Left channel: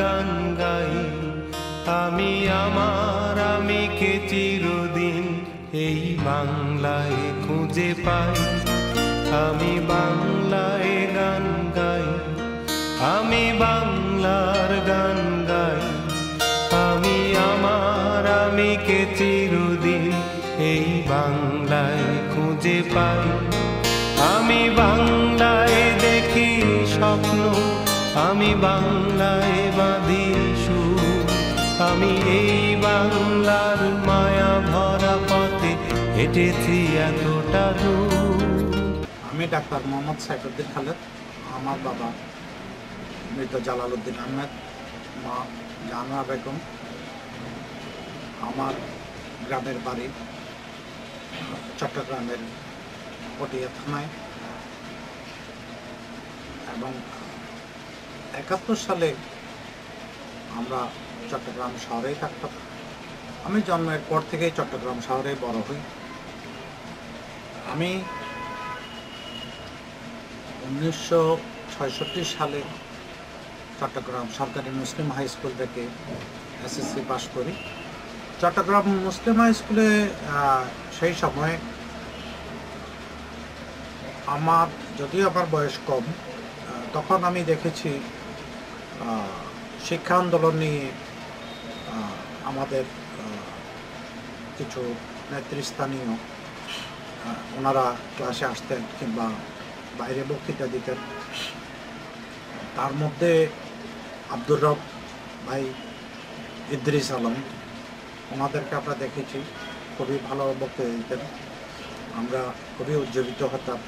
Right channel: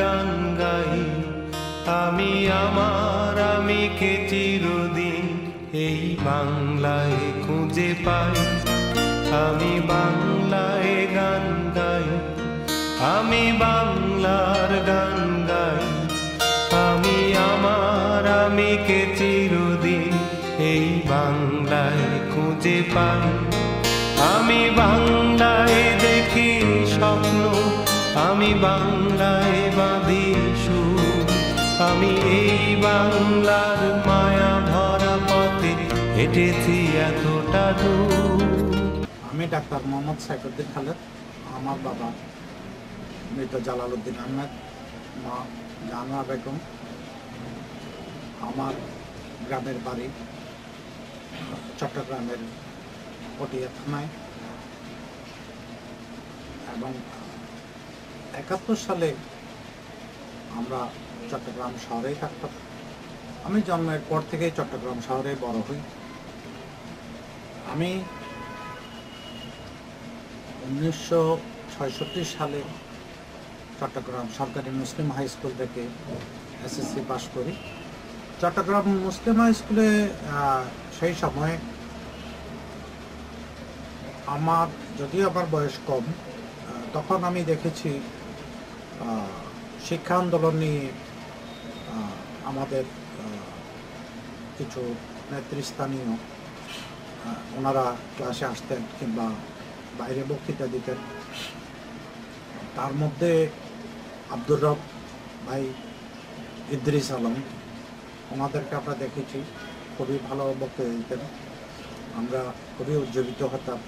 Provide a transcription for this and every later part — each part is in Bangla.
গান গাই, আমি আমার আমিকে চিরদিন এই বাংলায় খুঁজে পাই। আমি বাংলায় গান গাই, আমি বাংলার গান গাই, আমি আমার আমিকে চিরদিন এই বাংলায় খুঁজে পাই। আমি বাংলায় দেখি স্বপ্ন, আমি বাংলায় বাঁধি সুর, আমি এই বাংলার মায়া ভরা পথে হেঁটেছি এতটা দূর। আমি ডাক্তার মোহাম্মদ সাইফুদ্দিন খালেদ। আমার বাবা মৃত জালালউদ্দিন আহমেদ, মা জাহানারা বেগম। আমার গ্রামের বাড়ি চট্টগ্রামের পটিয়া থানায়, এবং ৭১ সালে আমরা চট্টগ্রাম শহরেই থাকতাম। আমি জন্মের পর থেকেই চট্টগ্রাম শহরে বড় হই। আমি ১৯৬৬ সালে চট্টগ্রাম সরকারি মুসলিম হাই স্কুল থেকে এসএসসি পাস করি। চট্টগ্রাম মুসলিম হাই স্কুলে সেই সময় আমার, যদিও আমার বয়স কম, তখন আমি দেখেছি শিক্ষা আন্দোলন নিয়ে আমাদের কিছু নেতৃস্থানীয় ওনারা ক্লাসে আসতেন কিংবা বাইরে বক্তৃতা দিতেন। তার মধ্যে আব্দুর রব ভাই, ইদ্রিস আলম, ওনাদেরকে আমরা দেখেছি খুবই ভালো বক্তৃতা দিতেন। আমরা খুবই উজ্জীবিত হতাম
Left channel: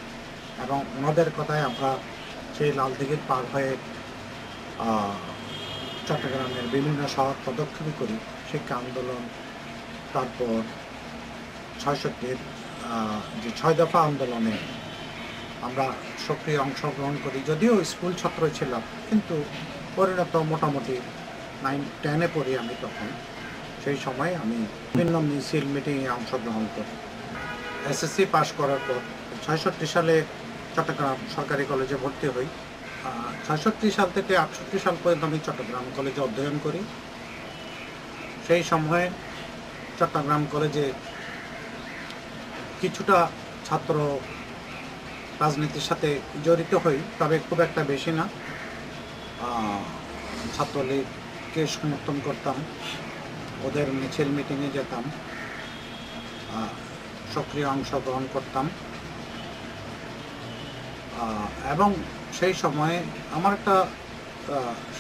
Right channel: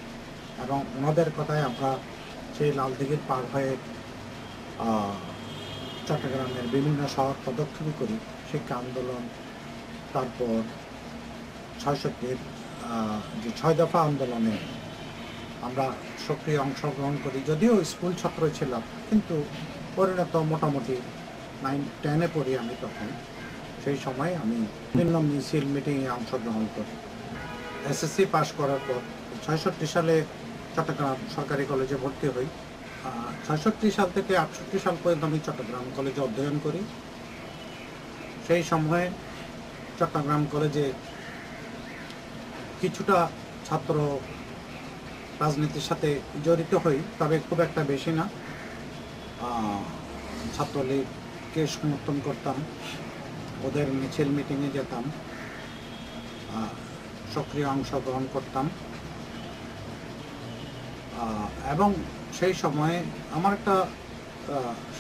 এবং ওনাদের কথায় আমরা সেই লালদিঘির পার হয়ে চট্টগ্রামের বিভিন্ন শহর প্রদক্ষিণ করি। শিক্ষা আন্দোলন, তারপর ৬৬-র যে ৬ দফা আন্দোলনে আমরা সক্রিয় অংশগ্রহণ করি। যদিও স্কুল ছাত্র ছিলাম, কিন্তু পরিণত মোটামুটি 9-10-এ পড়ি আমি তখন। সেই সময় আমি বিভিন্ন মিছিল মিটিংয়ে অংশগ্রহণ করি। এসএসসি পাস করার পর ৬৬ সালে চট্টগ্রাম সরকারি কলেজে ভর্তি হই। ৬৬ সাল থেকে ৬৮ সাল পর্যন্ত আমি চট্টগ্রাম কলেজে অধ্যয়ন করি। সেই সময়ে চট্টগ্রাম কলেজে কিছুটা ছাত্র রাজনীতির সাথে জড়িত হই, তবে খুব একটা বেশি না। ছাত্রলীগকে সমর্থন করতাম, ওদের মিছিল মিটিংয়ে যেতাম, সক্রিয় অংশগ্রহণ করতাম। এবং সেই সময়ে আমার একটা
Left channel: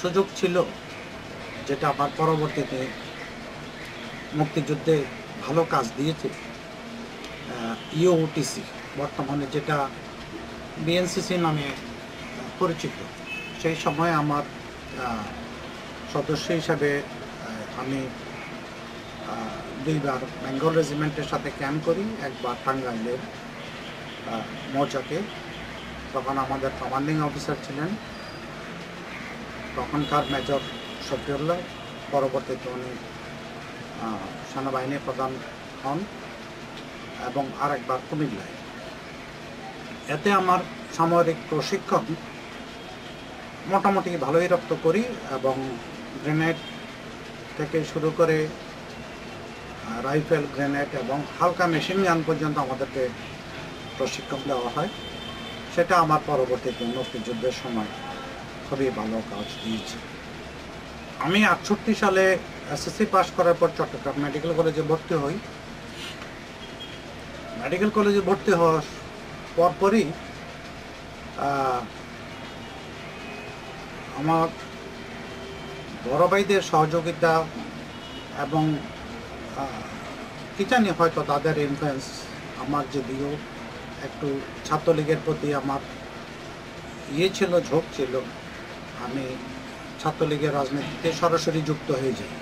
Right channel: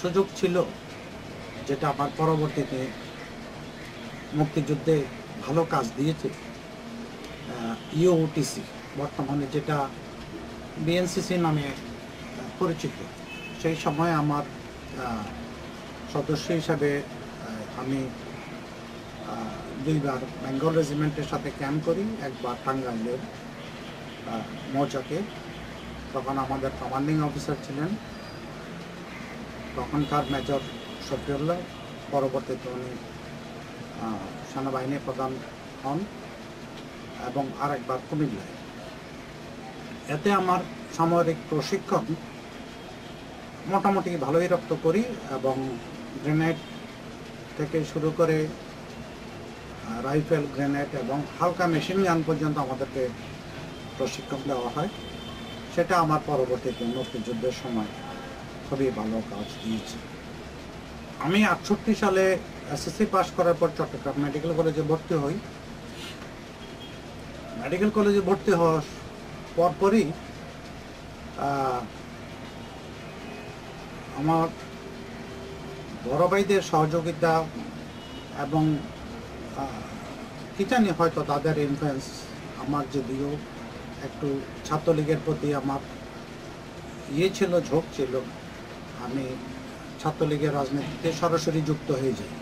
সুযোগ ছিল, যেটা আমার পরবর্তীতে মুক্তিযুদ্ধে ভালো কাজ দিয়েছে। ইউটিসি, বর্তমানে যেটা বিএনসিসি নামে পরিচিত, সেই সময় আমার সদস্য হিসাবে আমি 2বার বেঙ্গল রেজিমেন্টের সাথে ক্যাম্প করি, একবার টাঙ্গাইলের মৌচাকে। তখন আমাদের কমান্ডিং অফিসার ছিলেন তখনকার মেজর শফিউল্লাহ, পরবর্তীতে উনি সেনাবাহিনী প্রধান হন, এবং আরেকবার কুমিল্লায়। এতে আমার সামরিক প্রশিক্ষণ মোটামুটি ভালোই রপ্ত করি, এবং গ্রেনেড থেকে শুরু করে রাইফেল, গ্রেনেড এবং হালকা মেশিন গান পর্যন্ত আমাদেরকে প্রশিক্ষণ দেওয়া হয়। সেটা আমার পরবর্তীতে মুক্তিযুদ্ধের সময় খুবই ভালো কাজ দিয়েছে। আমি ৬৮ সালে এসএসসি পাস করার পর চট্টগ্রাম মেডিকেল কলেজে ভর্তি হই। মেডিকেল কলেজে ভর্তি হওয়ার পরপরই আমার বড় ভাইদের সহযোগিতা এবং কি জানি হয়তো তাদের ইনফ্লুয়েন্স, আমার যদিও একটু ছাত্রলীগের প্রতি আমার ছিল, ঝোঁক ছিল, আমি ছাত্রলীগের রাজনীতিতে সরাসরি যুক্ত হয়ে যাই।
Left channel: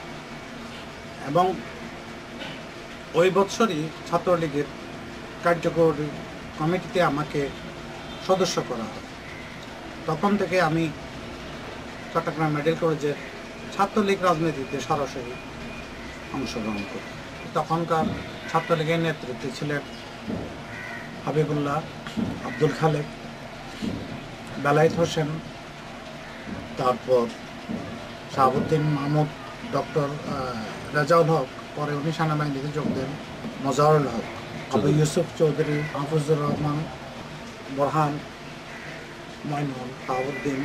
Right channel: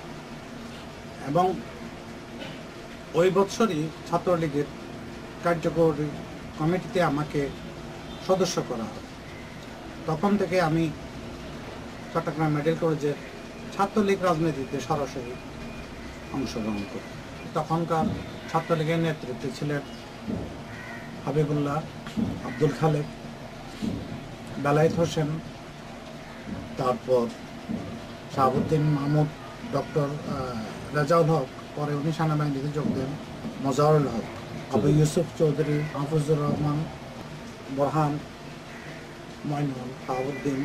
এবং ওই বছরই ছাত্রলীগের কার্যকরী কমিটিতে আমাকে সদস্য করা হয়। তখন থেকে আমি চট্টগ্রাম মেডিকেল কলেজের ছাত্রলীগ রাজনীতিতে সরাসরি অংশগ্রহণ করি। তখনকার ছাত্রলীগের নেতৃত্বে ছিলেন হাবিবুল্লাহ, আব্দুল খালেক, বেলায়েত হোসেন, তারপর শাহাবুদ্দিন মাহমুদ, ডক্টর রেজাউল হক, পরে উনি সেনাবাহিনীতে যোগ দেন, মজারুল হক, আবু ইউসুফ চৌধুরী, মাহফুজুর রহমান, বোরহান, মইনুল, শাহাবুদ্দিন,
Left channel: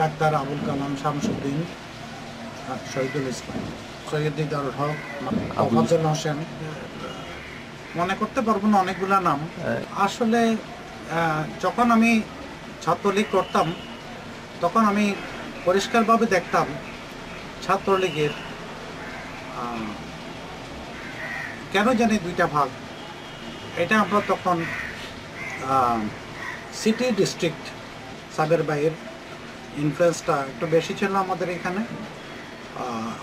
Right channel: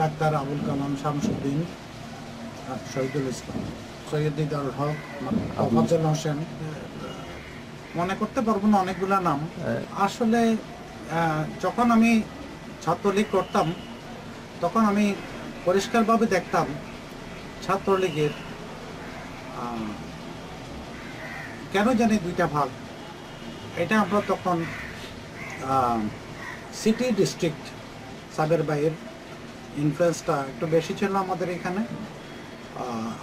ডাক্তার আবুল কালাম শামসুদ্দিন, শহীদুল ইসলাম, সৈয়দ দিদারুল হক, ফজল হোসেন, মনে করতে পারবো না অনেকগুলা নাম। আসলে যখন আমি ছাত্রলীগ করতাম তখন আমি পরিষ্কারভাবে দেখতাম ছাত্রলীগের কেন জানি দুইটা ভাগ। এটা আমরা তখন সিটি ডিস্ট্রিক্ট সাবের ভাইয়ের ইনফ্লুয়েন্সটা একটু বেশি ছিল আমাদের এখানে,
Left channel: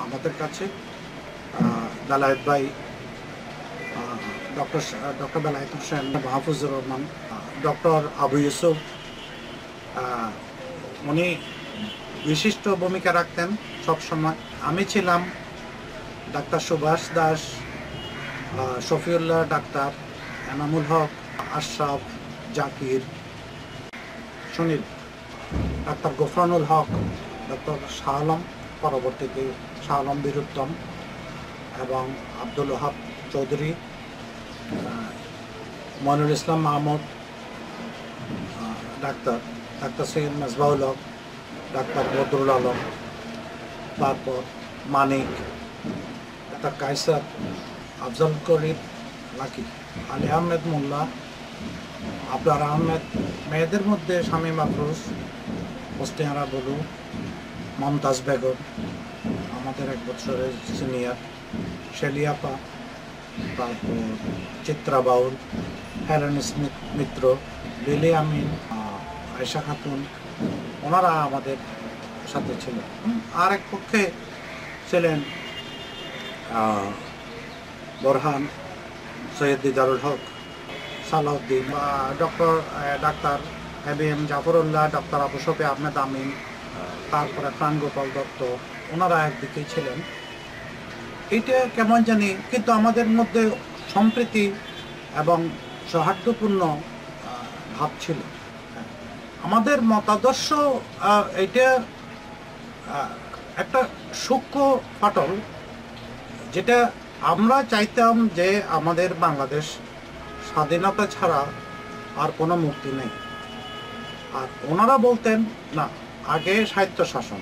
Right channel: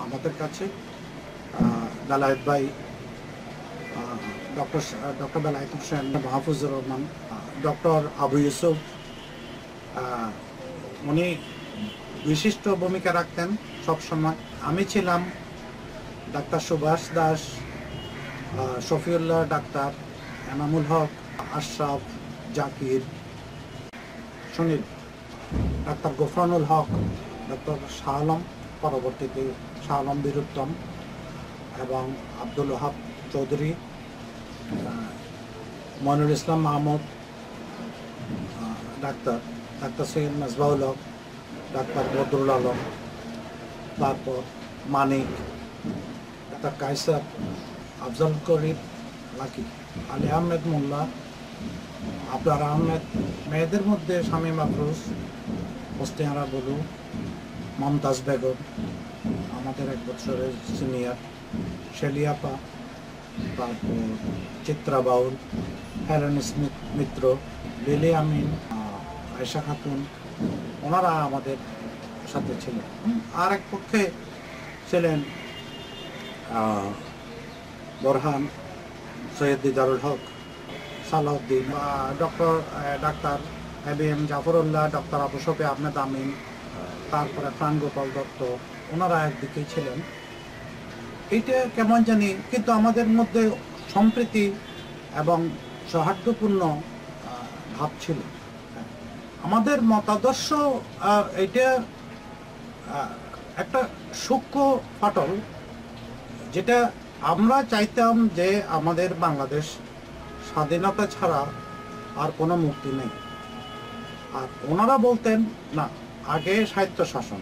আমাদের কাছে বেলায়েত ভাই, ডক্টর বেলায়েত হোসেন, মাহফুজুর রহমান, ডক্টর আবু ইউসুফ, উনি বিশিষ্ট ভূমিকা রাখতেন সবসময়। আমি ছিলাম doctor Subhash Das, Shafiullah, doctor Enamul Haque, Ashraf, Zakir, Sunil, doctor গোফরানুল হক, ডক্টর শাহ আলম, পরবর্তীতে শাহ আলম বীরুত্তম, এবং আব্দুল ওহাব চৌধুরী, মইনুল ইসলাম মাহমুদ, ডাক্তার সৈয়দ মেজবাউল হক, ডাক্তার বদরুল আলম, তারপর মানিক, ডাক্তার কায়সার, আফজল করিম লাকি, আলী আহমেদ মোল্লা, আবরার আহমেদ। মেয়েদের মধ্যে শামীম আফরোজ, মুস্তিহারা বলু, মমতাজ বেগম, আমাদের এক বছরের সিনিয়র, শেলিয়াপা, তারপর চিত্রা বাউল, হেলেন স্মিথ মিত্র, লিলি আমিন, আয়েশা খাতুন, ওনারা আমাদের সাথে ছিলেন। আর এক পক্ষে ছিলেন বোরহান, সৈয়দ দিদারুল হক, সালাউদ্দিন, ডাক্তার এবিএম জাফরুল্লাহ, ডক্টর আবু শফি আহমেদ আমিন, তারপরে প্রাণগোপাল দত্ত, ওনারা একদিকেই ছিলেন। এইটা কেমন জানি, কিন্তু আমাদের মধ্যে সম্প্রীতি এবং সৌহার্দ্যপূর্ণ ভাব ছিল। আমাদের মতাদর্শ এইটা একটা সূক্ষ্ম ফাটল, যেটা আমরা চাইতাম যে আমাদের বাংলাদেশ স্বাধীনতা ছাড়া আর কোনো মুক্তি নেই। আর ওনারা বলতেন না, আগে স্বায়ত্তশাসন,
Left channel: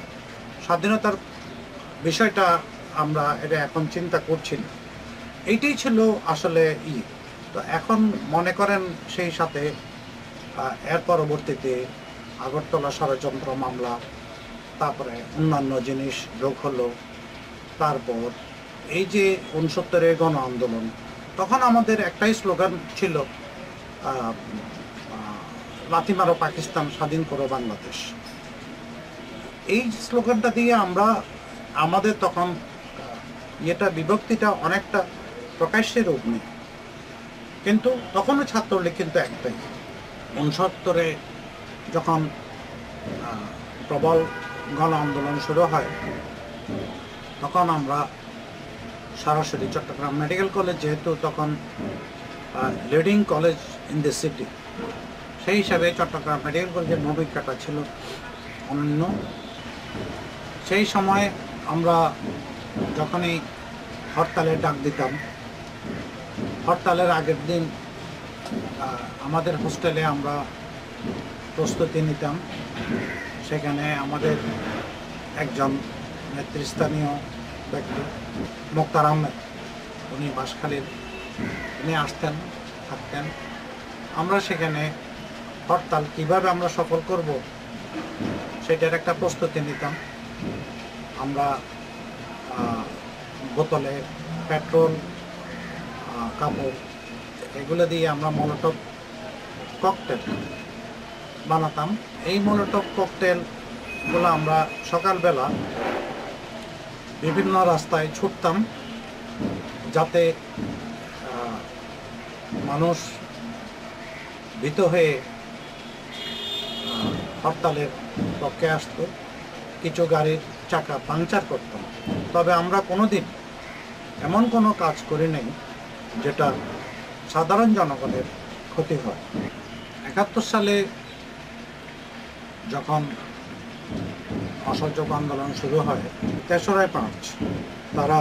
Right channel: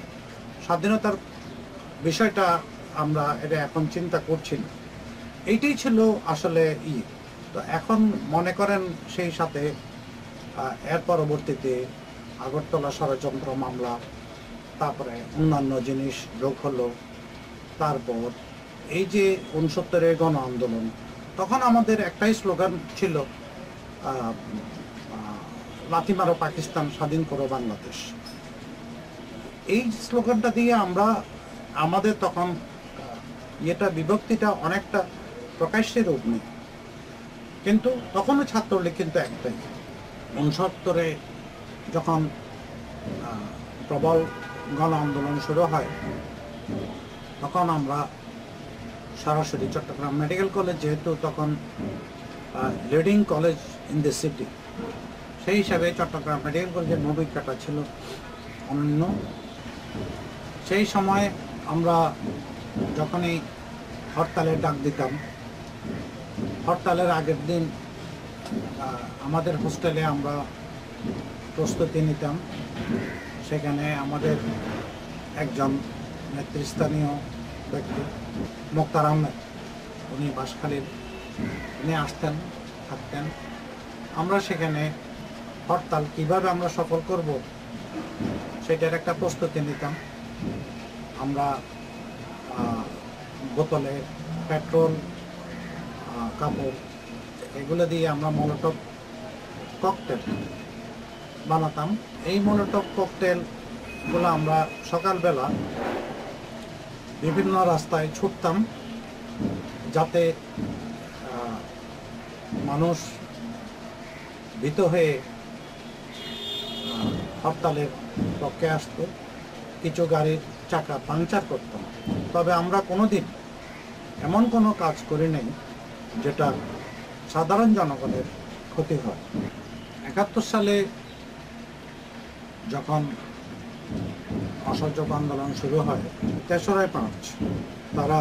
স্বাধীনতার বিষয়টা আমরা এটা এখন চিন্তা করছি না। এইটাই ছিল আসলে তো এখন মনে করেন সেই সাথে এর পরবর্তীতে আগরতলা ষড়যন্ত্র মামলা, তারপরে অন্যান্য জিনিস যোগ হলো, তারপর এই যে ৬৯-এর গণ আন্দোলন, তখন আমাদের একটাই স্লোগান ছিল, লাথি মারো পাকিস্তান, স্বাধীন করো বাংলাদেশ। এই স্লোগানটা দিয়ে আমরা আমাদের তখন এটা বিভক্তিটা অনেকটা প্রকাশ্যে রূপ নেই, কিন্তু তখনও ছাত্রলীগ কিন্তু একটাই। ৬৯-এ যখন প্রবল গণ আন্দোলন শুরু হয়, তখন আমরা সরাসরি চট্টগ্রাম মেডিকেল কলেজ, যেহেতু তখন leading college in the city, সেই হিসাবে চট্টগ্রাম মেডিকেল কলেজের ভূমিকাটা ছিল অনন্য। সেই সময় আমরা যখনই হরতালের ডাক দিতাম, হরতালের আগের দিন আমাদের হোস্টেলে আমরা প্রস্তুতি নিতাম। সেখানে আমাদের একজন নেতৃস্থানীয় ব্যক্তি মোক্তার আহমেদ, উনি বাঁশখালীর, উনি আসতেন, থাকতেন। আমরা সেখানে হরতাল কিভাবে আমরা সফল করব সেটার একটা প্রস্তুতি নিতাম। আমরা বোতলে পেট্রোল, কাপড়, এগুলো দিয়ে আমরা মলোটভ ককটেল বানাতাম। এই মলোটভ ককটেলগুলো আমরা সকালবেলা বিভিন্ন রাস্তায় ছুটতাম, যাতে মানুষ ভীত হয়ে হরতালের পক্ষে আসতো। কিছু গাড়ির চাকা পাংচার করতাম। তবে আমরা কোনোদিন এমন কোনো কাজ করি নাই যেটা সাধারণ জনগণের ক্ষতি হয়। ৭১ সালে যখন অসহযোগ আন্দোলন শুরু হয় 3রা-5। তারা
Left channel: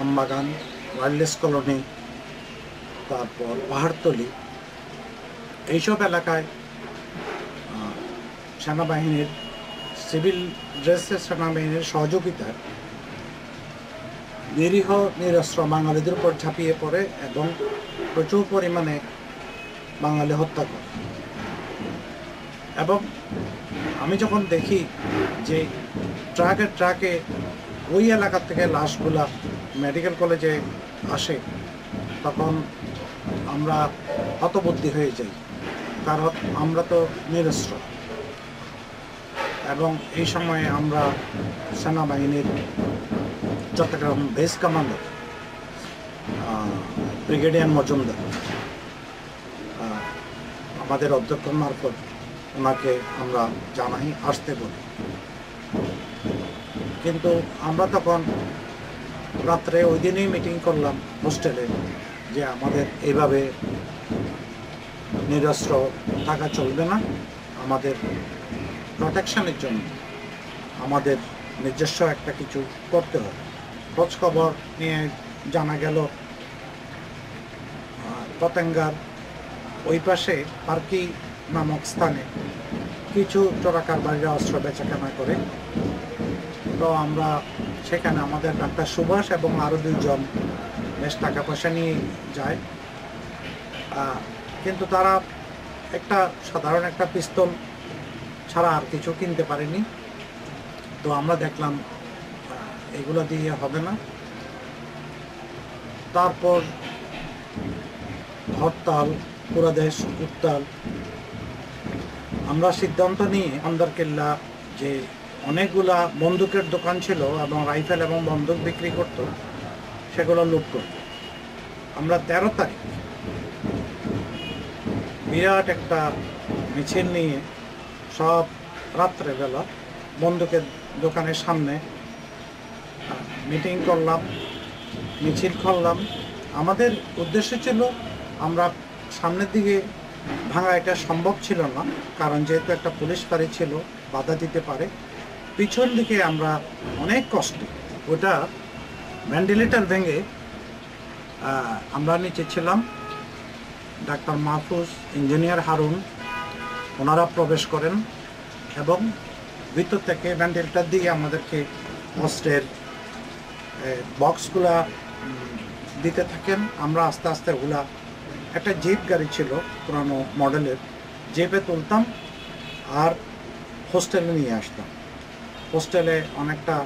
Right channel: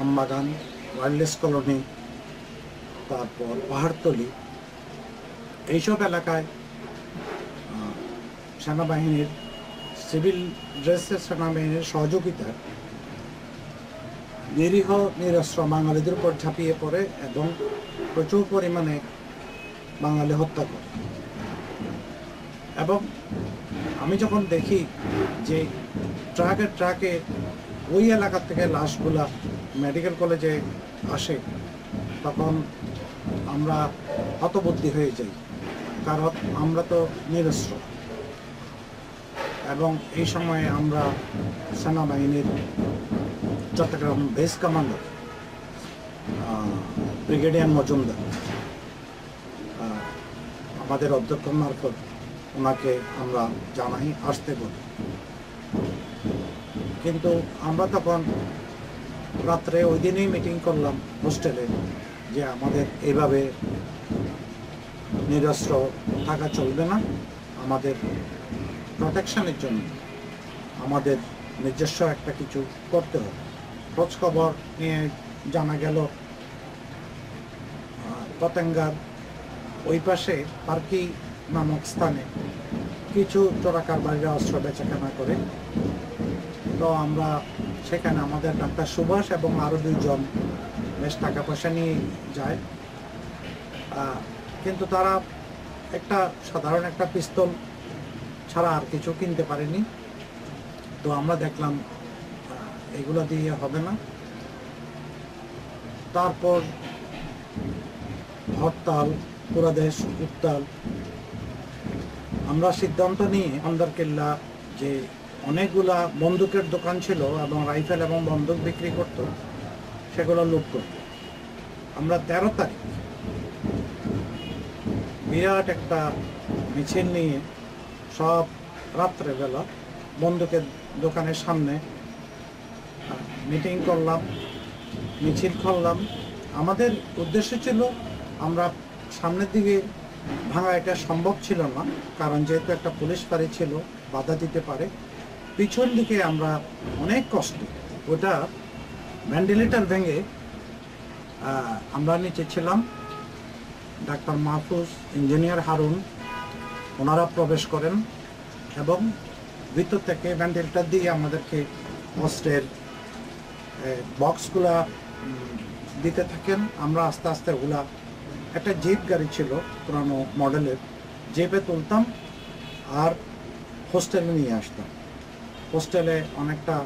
আমবাগান, ওয়াইল্ডলেস কলোনি, তারপর পাহাড়তলি, এইসব এলাকায় সেনাবাহিনীর সিভিল ড্রেসের সেনাবাহিনীর সহযোগিতায় নিরীহ নিরস্ত্র বাঙালিদের উপর ঝাঁপিয়ে পড়ে এবং প্রচুর পরিমাণে বাঙালি হত্যা করে। এবং আমি যখন দেখি যে ট্রাকে ট্রাকে ওই এলাকা থেকে লাশগুলা মেডিকেল কলেজে আসে, তখন আমরা হতবুদ্ধি হয়ে যাই, কারণ আমরা তো নিরস্ত্র। এবং এই সময়ে আমরা সেনাবাহিনীর Chittagong base commander brigadier Majumdar আমাদের অধ্যক্ষ মারফত ওনাকে আমরা জানাই, আসতে বলি। কিন্তু আমরা তখন রাত্রে ওই দিনেই মিটিং করলাম হোস্টেলে যে আমাদের এইভাবে নিরস্ত্র থাকা চলবে না, আমাদের প্রোটেকশনের জন্য আমাদের নিজস্ব একটা কিছু করতে হবে। খোঁজ খবর নিয়ে জানা গেল পতেঙ্গার ওই পাশে পার্কি নামক স্থানে কিছু চোরাকারবারিরা অস্ত্র বেচাকেনা করে। তো আমরা সেখানে আমাদের ডাক্তার সুভাষ এবং আরও 2 জন বেশ টাকা পয়সা নিয়ে যায়, কিন্তু তারা একটা সাধারণ একটা পিস্তল ছাড়া আর কিছু কিনতে পারেনি। তো আমরা দেখলাম এগুলো দিয়ে হবে না। তারপর হরতাল, পুরো দেশ উত্তাল। আমরা সিদ্ধান্ত নিয়ে আন্দরকিল্লা যে অনেকগুলা বন্দুকের দোকান ছিল এবং রাইফেল এবং বন্দুক বিক্রি করত, সেগুলো লুট করত। আমরা 13 তারিখ বিরাট একটা মিছিল নিয়ে সব রাত্রেবেলা বন্দুকের দোকানের সামনে মিটিং করলাম, মিছিল করলাম। আমাদের উদ্দেশ্য ছিল আমরা সামনের দিকে ভাঙা এটা সম্ভব ছিল না, কারণ যেহেতু একটা পুলিশ ফাঁড়ি ছিল, বাধা দিতে পারে। পিছন দিকে আমরা অনেক কষ্টে ওটা ভেন্টিলেটর ভেঙে আমরা নিচে ছিলাম। ডাক্তার মাহফুজ, ইঞ্জিনিয়ার হারুন, ওনারা প্রবেশ করেন এবং ভিতর থেকে ভেন্টিলেটর দিয়ে আমাদেরকে অস্ত্রের বক্সগুলা দিতে থাকেন। আমরা আস্তে আস্তে ওগুলা, একটা জিপ গাড়ি ছিল পুরানো মডেলের, জিপে তুলতাম আর হোস্টেলে নিয়ে আসতাম। হোস্টেলে অনেকটা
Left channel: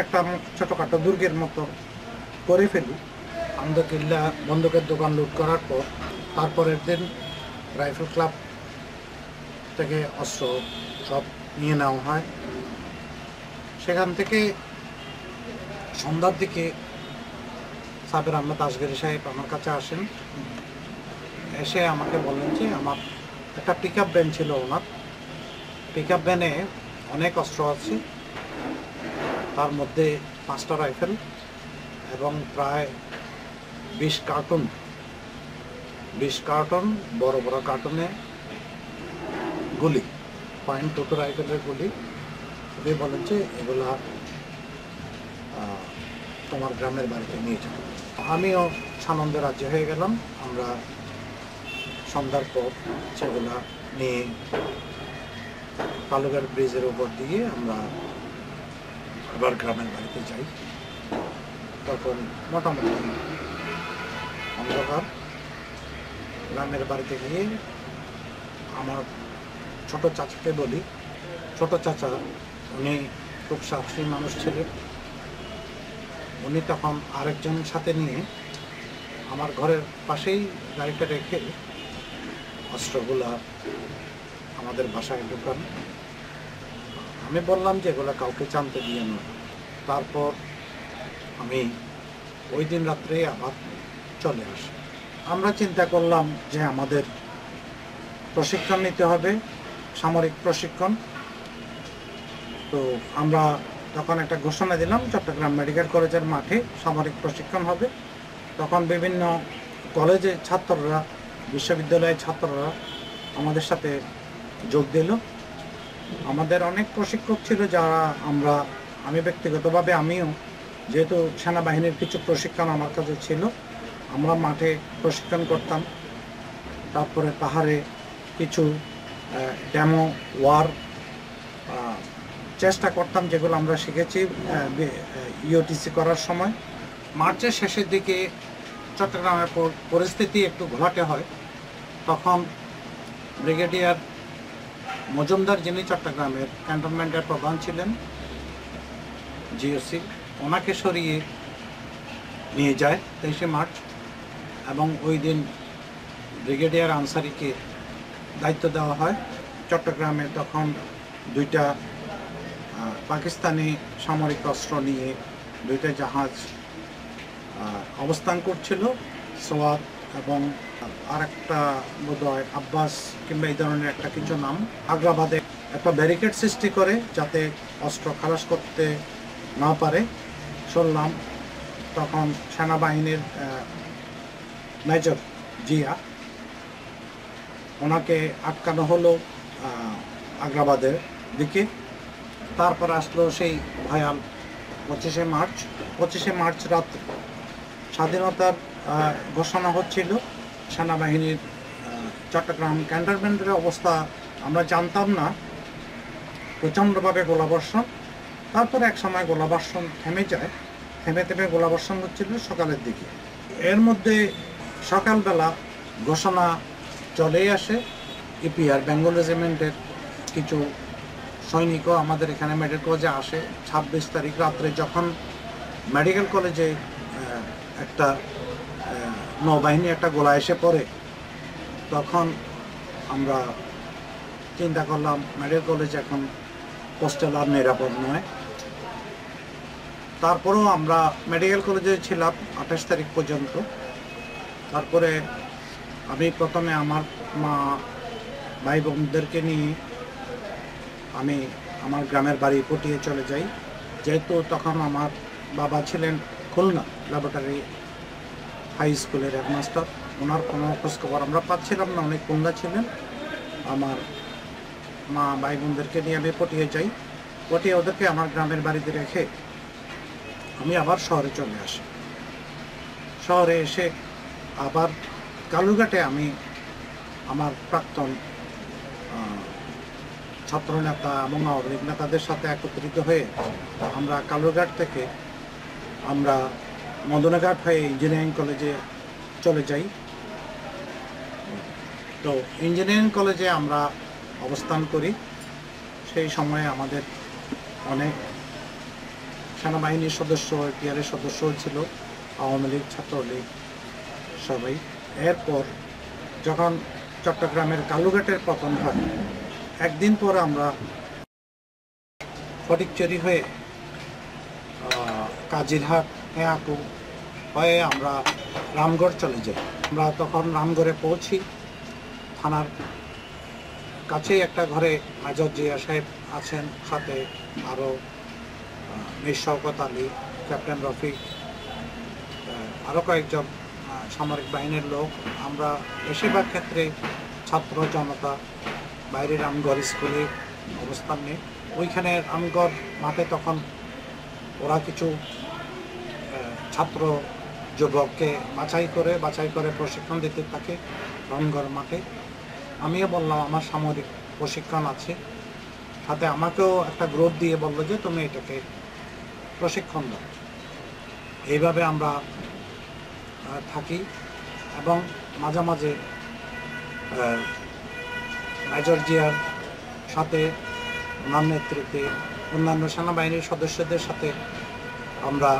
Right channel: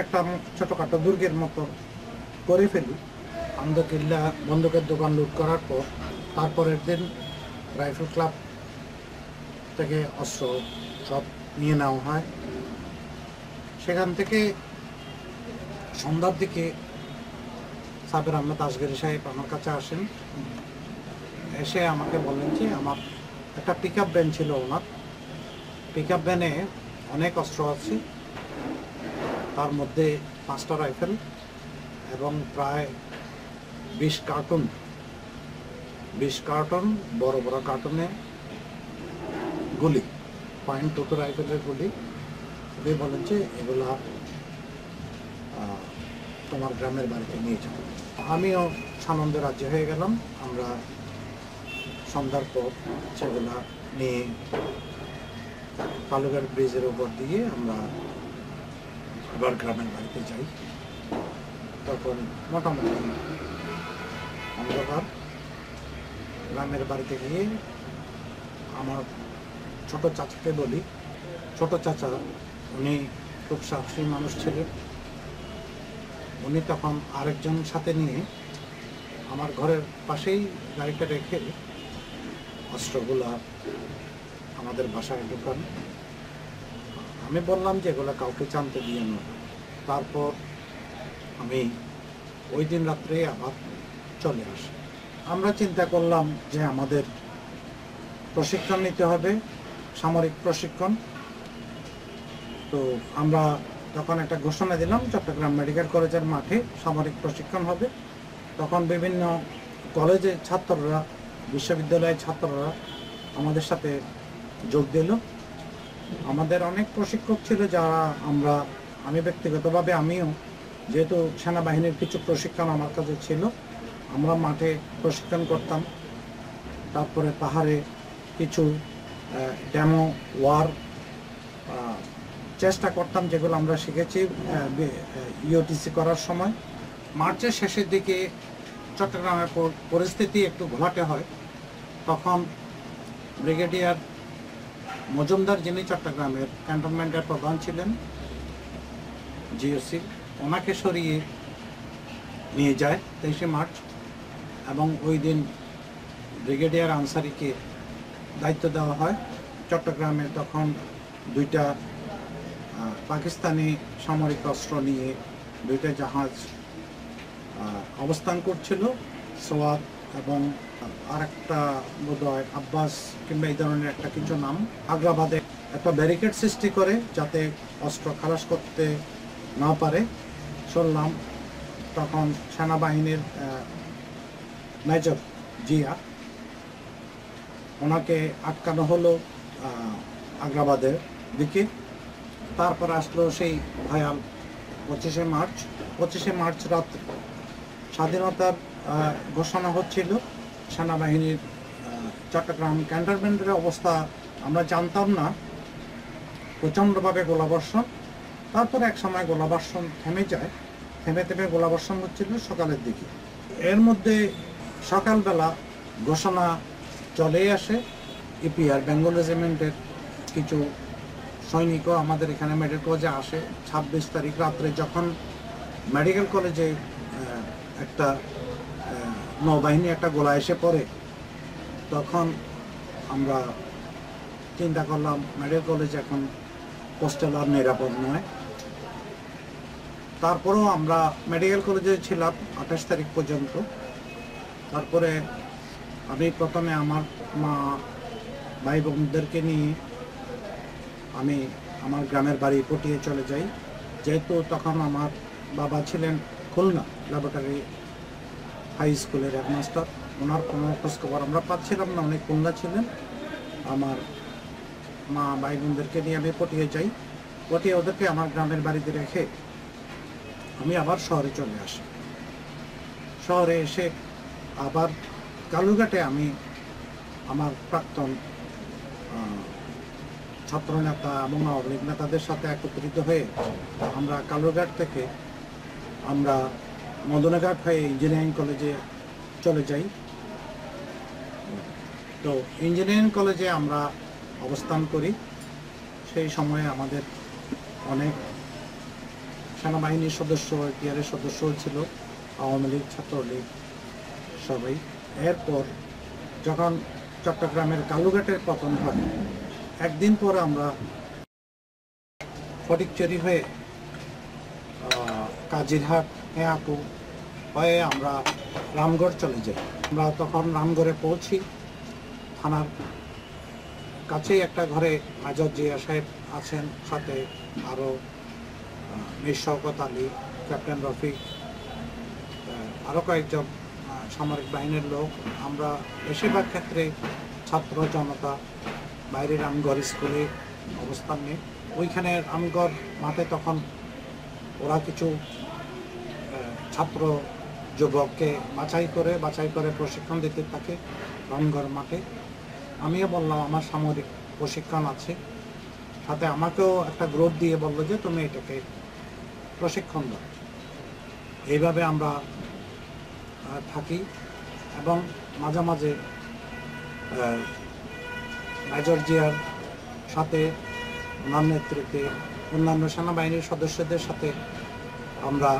একটা ছোটোখাটো দুর্গের মতো করে ফেলি। আন্দরকিল্লা বন্দুকের দোকান লুট করার পর তারপরের দিন রাইফেল ক্লাব থেকে অস্ত্র সব নিয়ে নেওয়া হয়। সেখান থেকে সন্ধ্যার দিকে সাবের আহমেদ আসগরি সাহেব আমার কাছে আসেন, এসে আমাকে বললেন যে আমার একটা পিক আপ ভ্যান ছিল ওনার, পিক আপ ভ্যানে অনেক অস্ত্র আছে, তার মধ্যে 5টা রাইফেল এবং প্রায় 20 কার্টন বড় বড় কার্টনে গুলি, .22 রাইফেলের গুলি। উনি বলেন যে এগুলা তোমার গ্রামের বাড়িতে নিয়ে যাবো। আমিও সানন্দে রাজ্য হয়ে গেলাম। আমরা সন্ধ্যার পর সেগুলা নিয়ে কালুঘাট ব্রিজের উপর দিয়ে আমরা আবার গ্রামের বাড়িতে যাই। তখন মোটামুটি অন্ধকার। গ্রামের বাড়িতে গিয়ে আমার ছোট চাচাকে বলি, ছোট চাচা উনি খুব সাহসী মানুষ ছিলেন। উনি তখন আরেকজন সাথে নিয়ে আমার ঘরের পাশেই গাড়িটা রেখে অস্ত্রগুলা আমাদের বাসায় ঢুকান। আমি বললাম যে এগুলো কাউকে জানতে দিয়ে না। তারপর আমি ওই দিন রাত্রে আবার চলে আসি। আমরা চিন্তা করলাম যে আমাদের প্রশিক্ষণ নিতে হবে, সামরিক প্রশিক্ষণ। তো আমরা তখন একটা ঘোষণা দিলাম, চট্টগ্রাম মেডিকেল কলেজের মাঠে সামরিক প্রশিক্ষণ হবে। তখন বিভিন্ন কলেজের ছাত্ররা, বিশ্ববিদ্যালয়ের ছাত্ররা আমাদের সাথে যোগ দিল আমাদের অনেক প্রশিক্ষক ছিল যারা আমি ব্যক্তিগতভাবে আমিও, যেহেতু সেনাবাহিনীর কিছু প্রশিক্ষণ আমার কাছে ছিল, আমরা মাঠে প্রশিক্ষণ করতাম। তারপরে পাহাড়ে কিছু ডেমো ওয়ার চেষ্টা করতাম, যেগুলো আমরা শিখেছি ইউটিসি করার সময়। মার্চের শেষের দিকে চট্টগ্রামের পরিস্থিতি একটু ঘোলাটে হয়। তখন ব্রিগেডিয়ার মজুমদার, যিনি চট্টগ্রামের ক্যান্টনমেন্টের প্রধান ছিলেন, জিওসি, ওনাকে সরিয়ে নিয়ে যায় 23শে মার্চ, এবং ওই দিন ব্রিগেডিয়ার আনসারিকে দায়িত্ব দেওয়া হয়। চট্টগ্রামে তখন দুইটা পাকিস্তানি সামরিক অস্ত্র নিয়ে দুইটা জাহাজ অবস্থান করছিল, সোয়াদ এবং আরেকটা বোধহয় আব্বাস কিংবা এই ধরনের একটা কিছু নাম। আগ্রাবাদে একটা ব্যারিকেড সৃষ্টি করে যাতে অস্ত্র খালাস করতে না পারে। শুনলাম তখন সেনাবাহিনীর মেজর জিয়া, ওনাকে আটকানো হলো আগ্রাবাদের দিকে। তারপর আসলো সেই ভয়াল 25শে মার্চ রাত্রে স্বাধীনতার ঘোষণা হচ্ছিল। সেনাবাহিনীর চট্টগ্রাম ক্যান্টনমেন্টের অবস্থা আমরা জানতাম না, প্রচণ্ডভাবে গোলাবর্ষণ। তারপরে এক সময় গোলাবর্ষণ থেমে যায়, থেমে গোলাবর্ষণ হচ্ছিল সকালের দিকে। এর মধ্যে সকালবেলা ঘোষণা চলেই আসে। ইপিআর বেঙ্গল রেজিমেন্টের কিছু সৈনিকও আমাদের এখানে মেডিকেল কলেজে আসে 26 তারিখ রাত্রে। যখন মেডিকেল কলেজে একটা নৌবাহিনী একটা গোলা এসে পড়ে, তখন আমরা চিন্তা করলাম মেডিকেল কলেজ এখন হোস্টেল আর নিরাপদ নয়। তারপরেও আমরা মেডিকেল কলেজে ছিলাম 28 তারিখ পর্যন্ত। তারপরে আমি প্রথমে আমার মা ভাই বোনদেরকে নিয়ে আমি আমার গ্রামের বাড়ি পটিয়ে চলে যাই, যেহেতু তখন আমার বাবা ছিলেন খুলনা ল্যাবরেটরি হাই স্কুলের হেডমাস্টার। ওনার কোনো খোঁজখবর আমরা পাচ্ছিলাম না, অনেক খুলনা ছিলেন। আমার মা ভাই বোনদেরকে নিয়ে আমি পটিয়ে যাই। পটিয়ে ওদেরকে আমার গ্রামের বাড়িতে রেখে আমি আবার শহরে চলে আসি। শহরে এসে আবার কালুরঘাটে আমি আমার প্রাক্তন ছাত্রনেতা এবং আওয়ামী লীগ নেতাদের সাথে একত্রিত হয়ে আমরা কালুরঘাট থেকে আমরা মদনাঘাট হয়ে ইঞ্জিনিয়ারিং কলেজে চলে যাই। তো ইঞ্জিনিয়ারিং কলেজে আমরা অবস্থান করি। সেই সময়ে আমাদের অনেক সেনাবাহিনীর সদস্য, এপিআরের সদস্য ছিল, আওয়ামী লীগ, ছাত্রলীগ সবাই। এরপর যখন চট্টগ্রামের কালুঘাটের পতন হয়, একদিন পর আমরা ফটিকছড়ি হয়ে কাজিরহাট হেয়াকু হয়ে আমরা রামগড় চলে যাই। আমরা তখন রামগড়ে পৌঁছি। থানার কাছেই একটা ঘরে মেজর জিয়া সাহেব আছেন, সাথে আরও মীর শওকত আলী, ক্যাপ্টেন রফিক, আরও কয়েকজন সামরিক বাহিনীর লোক। আমরা বেশিরভাগ ক্ষেত্রে ছাত্র জনতা বাইরে রামগড় স্কুলে অবস্থান নিই। ওইখানে রামগড় মাঠে তখন ওরা কিছু ছাত্র যুবককে বাছাই করে প্রশিক্ষণ দিতে থাকে রামগড় মাঠে। আমিও বললাম আমার সামরিক প্রশিক্ষণ আছে, সাথে আমাকেও একটা গ্রুপ দিয়ে বললো যে তুমি এটাকে প্রশিক্ষণ দাও। এইভাবে আমরা থাকি এবং মাঝে মাঝে মেজর জিয়ার সাথে ওনার নেতৃত্বে অন্যান্য সেনাবাহিনীর সদস্যদের সাথে আমরা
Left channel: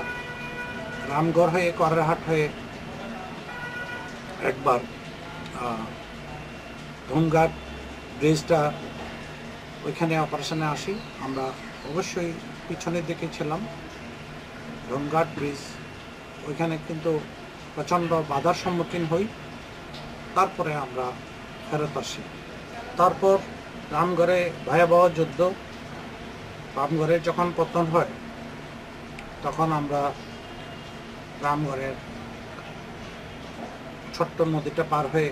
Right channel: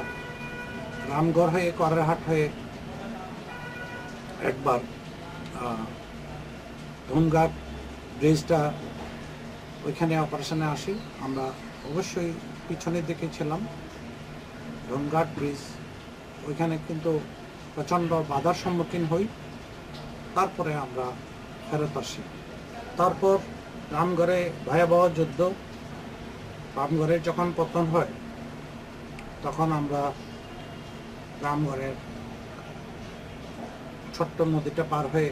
রামগড় হয়ে করারহাট হয়ে একবার ধুমঘাট ব্রিজটা ওইখানে অপারেশনে আসি। আমরা অবশ্যই পিছনের দিকে ছিলাম। ধুমঘাট ব্রিজ ওইখানে কিন্তু প্রচণ্ড বাধার সম্মুখীন হই। তারপরে আমরা ফেরত আসি। তারপর রামগড়ে ভয়াবহ যুদ্ধ। রামগড়ের যখন পতন হয় তখন আমরা রামগড়ের ছোট্ট নদীটা পার হয়ে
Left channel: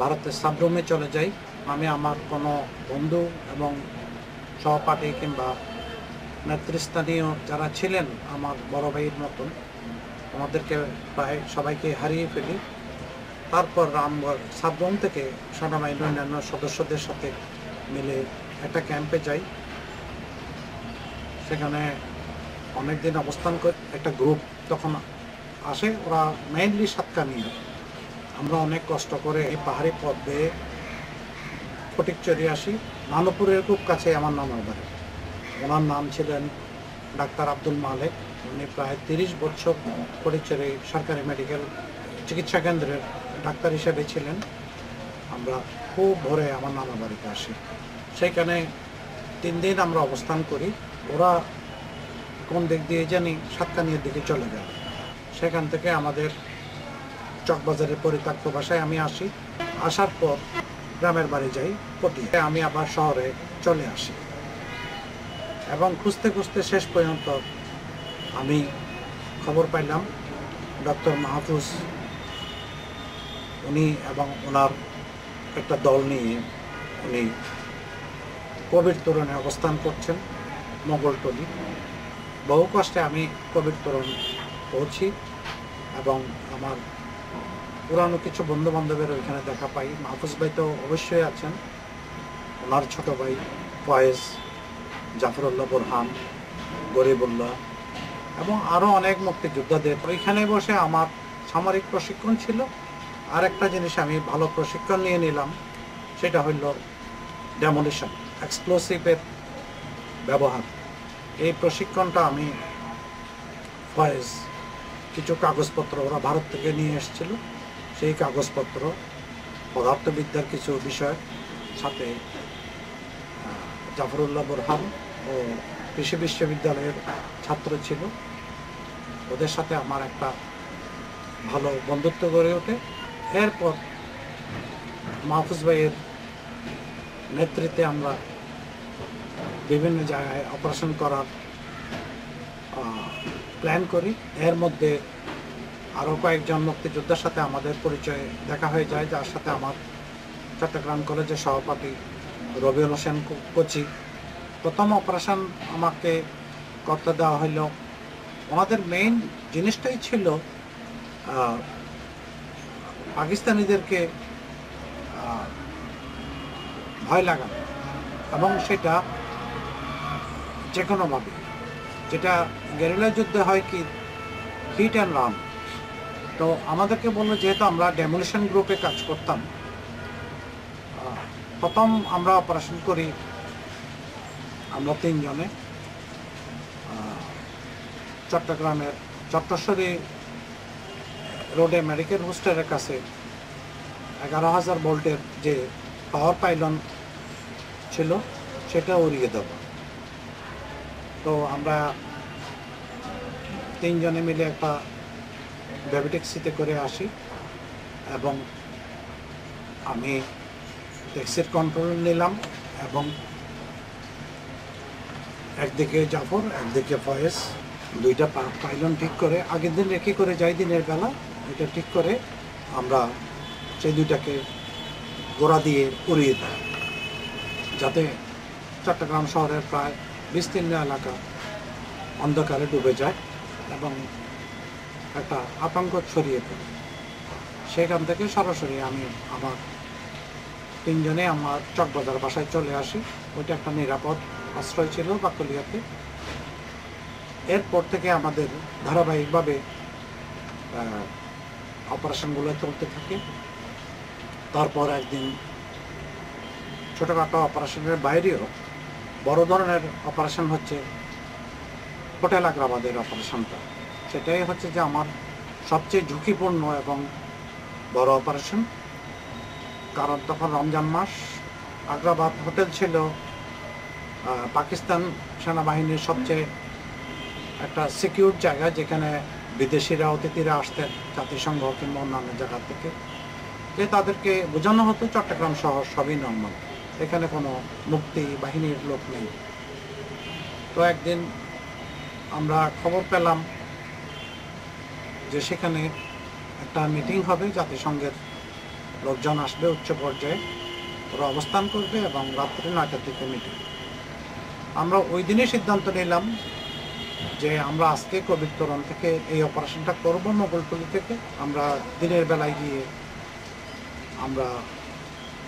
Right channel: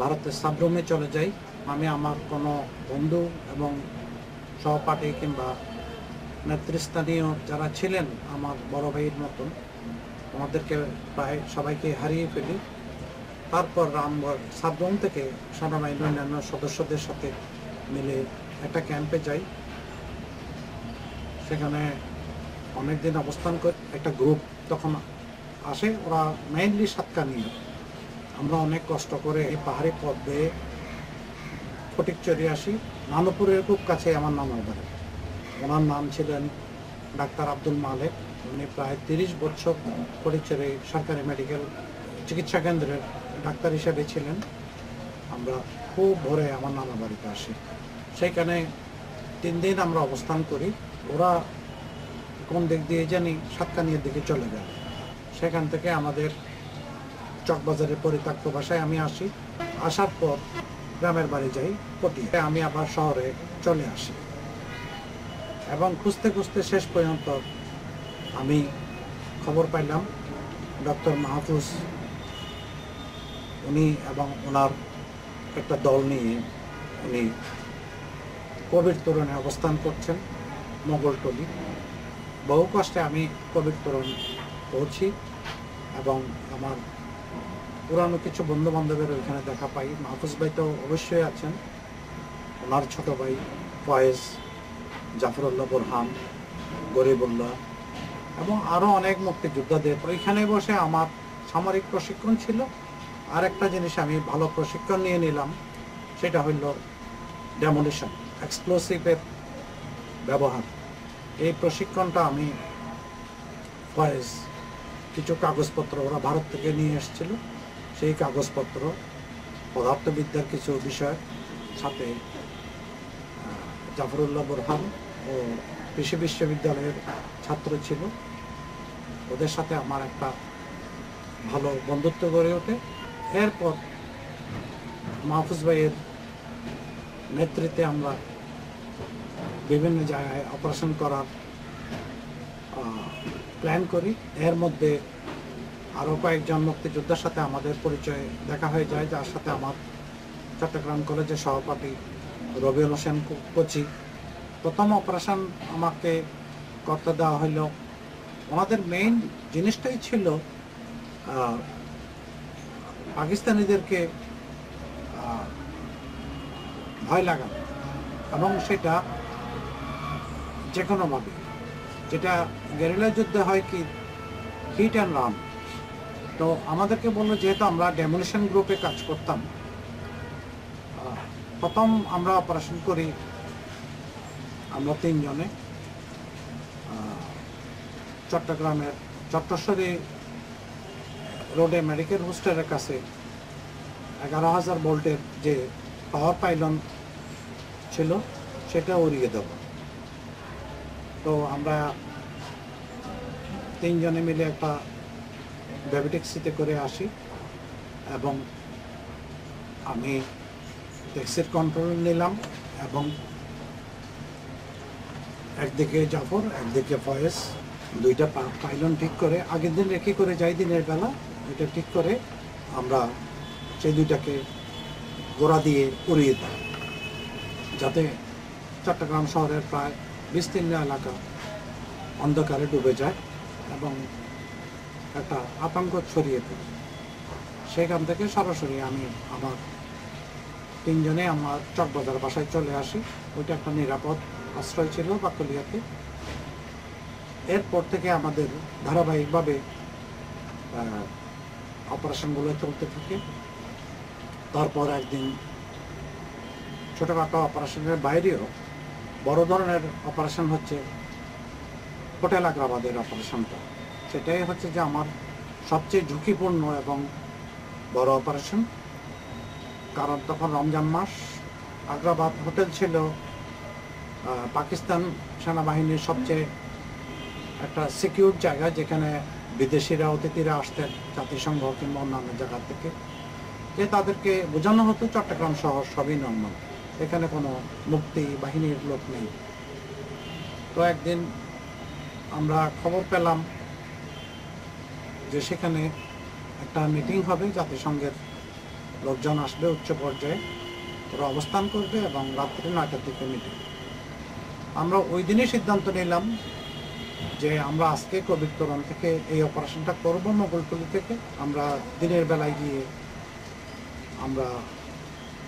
ভারতের সাবরুমে চলে যাই। আমি আমার কোনো বন্ধু এবং সহপাঠী কিংবা নেতৃস্থানীয় যারা ছিলেন আমার বড় ভাইয়ের মতন, ওনাদেরকে প্রায় সবাইকে হারিয়ে ফেলি। তারপর রামগড় সাবরুম থেকে সেনাবাহিনীর অন্যান্য সদস্যদের সাথে মিলে একটা ক্যাম্পে যাই। সেখানে অনেক দিন অবস্থান করে একটা গ্রুপ তখন আসে, ওরা মেইনলি সাতকানিয়া। আমরা অনেক কষ্ট করে এই পাহাড়ি পথ বেয়ে ফটিকচুরি আসি। নানপুরের খুব কাছে আমার নানার বাড়ি। ওনার নাম ছিলেন ডাক্তার আব্দুল মালেক। উনি প্রায় 30 বছর ফটিকচুরি সরকারি মেডিকেল চিকিৎসা কেন্দ্রের ডাক্তার হিসেবে ছিলেন। আমরা খুব ভোরে আমার নানা বাড়িতে আসি। সেইখানে 3 দিন আমরা অবস্থান করি। ওরা কোন দিক দিয়ে জানি সাতকানিয়ার দিকে চলে গেল। সেখান থেকে আমাদের চকবাজারের পরিত্যক্ত বাসায় আমি আসি। আসার পর গ্রামের বাড়ি যাই পটিয়া। আমি আবার শহরে চলে আসি এবং খুঁজতে খুঁজতে শেষ পর্যন্ত আমি খবর পাইলাম ডক্টর মাহফুজ উনি এবং ওনার একটা দল নিয়ে উনি কবির তোরণে অবস্থান করছেন মোগলটলি। বহু কষ্টে আমি কবির তোরণ পৌঁছি এবং আমার পুরানো কিছু বন্ধু বান্ধবের ওইখানে দেখা পাই। মাহফুজ ভাই তো অবশ্যই আছেন, ওনার ছোট ভাই ফয়েজ, জাফরুল্লাহ বোরহান, গরিবুল্লাহ এবং আরও অনেক মুক্তিযোদ্ধাদের। ওইখানে বসে আমার সামরিক প্রশিক্ষণ ছিল। আর একটা জিনিস আমি ভালো প্রশিক্ষণ নিয়ে নিলাম, সেটা হইল ডেমোলিশন, এক্সপ্লোসিভের ব্যবহার। এই প্রশিক্ষণটা আমি ফয়েজ কিছু কাগজপত্র ওরা ভারত থেকে নিয়ে এসেছিল, সেই কাগজপত্র পদার্থবিদ্যার কিছু বিষয় সাথে জাফরুল্লাহ বোরহান ও কৃষি বিশ্ববিদ্যালয়ের ছাত্র ছিল, ওদের সাথে আমার একটা ভালো বন্ধুত্ব গড়ে ওঠে। এরপর মাহফুজ ভাইয়ের নেতৃত্বে আমরা বিভিন্ন জায়গায় অপারেশন করার প্ল্যান করি। এর মধ্যে আরও কয়েকজন মুক্তিযোদ্ধার সাথে আমাদের পরিচয় দেখা হয়ে যায়, যার সাথে আমার চট্টগ্রাম কলেজের সহপাঠী রবিউল হোসেন কোচি। প্রথম অপারেশন আমাকে করতে দেওয়া হইল। ওনাদের মেইন জিনিসটাই ছিল পাকিস্তানিদেরকে ভয় লাগানো, এবং সেটা যে কোনোভাবে, যেটা গেরিলা যুদ্ধে হয় কি হিট অ্যান্ড রান। তো আমাদেরকে বললো, যেহেতু আমরা ডেমোলিশন গ্রুপে কাজ করতাম, প্রথম আমরা অপারেশন করি আমরা 3 জনে চট্টগ্রামের চট্টশ্বরী রোডে মেডিকেল হোস্টেলের কাছে 11,000 ভোল্টের যে পাওয়ার পাইলন ছিল সেটা উড়িয়ে দেব। তো আমরা 3 জনে মিলে একটা বেবি ট্যাক্সিতে করে আসি এবং আমি ট্যাক্সির কন্ট্রোল নিলাম এবং একদিকে জাফর একদিকে ফয়েজ, 2টা পাইলন ঠিক করে আগের দিন রেখে করে যাই, দিনের বেলা ওইটা ঠিক করে আমরা সেই 2টাকে গোড়া দিয়ে উড়িয়ে দিই, যাতে চট্টগ্রাম শহরের প্রায় বিস্তীর্ণ এলাকা অন্ধকারে ডুবে যায় এবং একটা আতঙ্ক ছড়িয়ে পড়ে। সেখান থেকে সরাসরি আমি আমার 3 জনে আমার চকবাজার বাসায় চলে আসি। ওইটা একটা নিরাপদ আশ্রয় ছিল বাকলিয়াতে। এরপর থেকে আমাদের ধারাবাহিকভাবে অপারেশনগুলো চলতে থাকে। তারপর একদিন ছোটোখাটো অপারেশনের বাইরেও বড় ধরনের অপারেশন হচ্ছে হোটেল আগ্রাবাদের অপারেশনটা। সেটাই হচ্ছে যে আমার সবচেয়ে ঝুঁকিপূর্ণ এবং বড় অপারেশন, কারণ তখন রমজান মাস। আগ্রাবাদ হোটেল ছিল পাকিস্তান সেনাবাহিনীর সবচেয়ে একটা সিকিউর জায়গা, যেখানে বিদেশিরা অতিথিরা আসতেন জাতিসংঘ কিংবা অন্যান্য জায়গা থেকে, যে তাদেরকে বোঝানো হতো চট্টগ্রাম শহর সবই নর্মাল, এখানে কোনো মুক্তি বাহিনীর লোক নেই। তো একদিন আমরা খবর পেলাম যে সেখানে একটা মিটিং হবে, জাতিসংঘের লোকজন আসবে উচ্চ পর্যায়ে, ওরা অবস্থান করবে এবং রাত্রি 9টার দিকে মিটিং। আমরা ওই দিনই সিদ্ধান্ত নিলাম যে আমরা আজকে কবির তোরণ থেকে এই অপারেশনটা করব, মোগলটুলি থেকে। আমরা দিনের বেলায় গিয়ে আমরা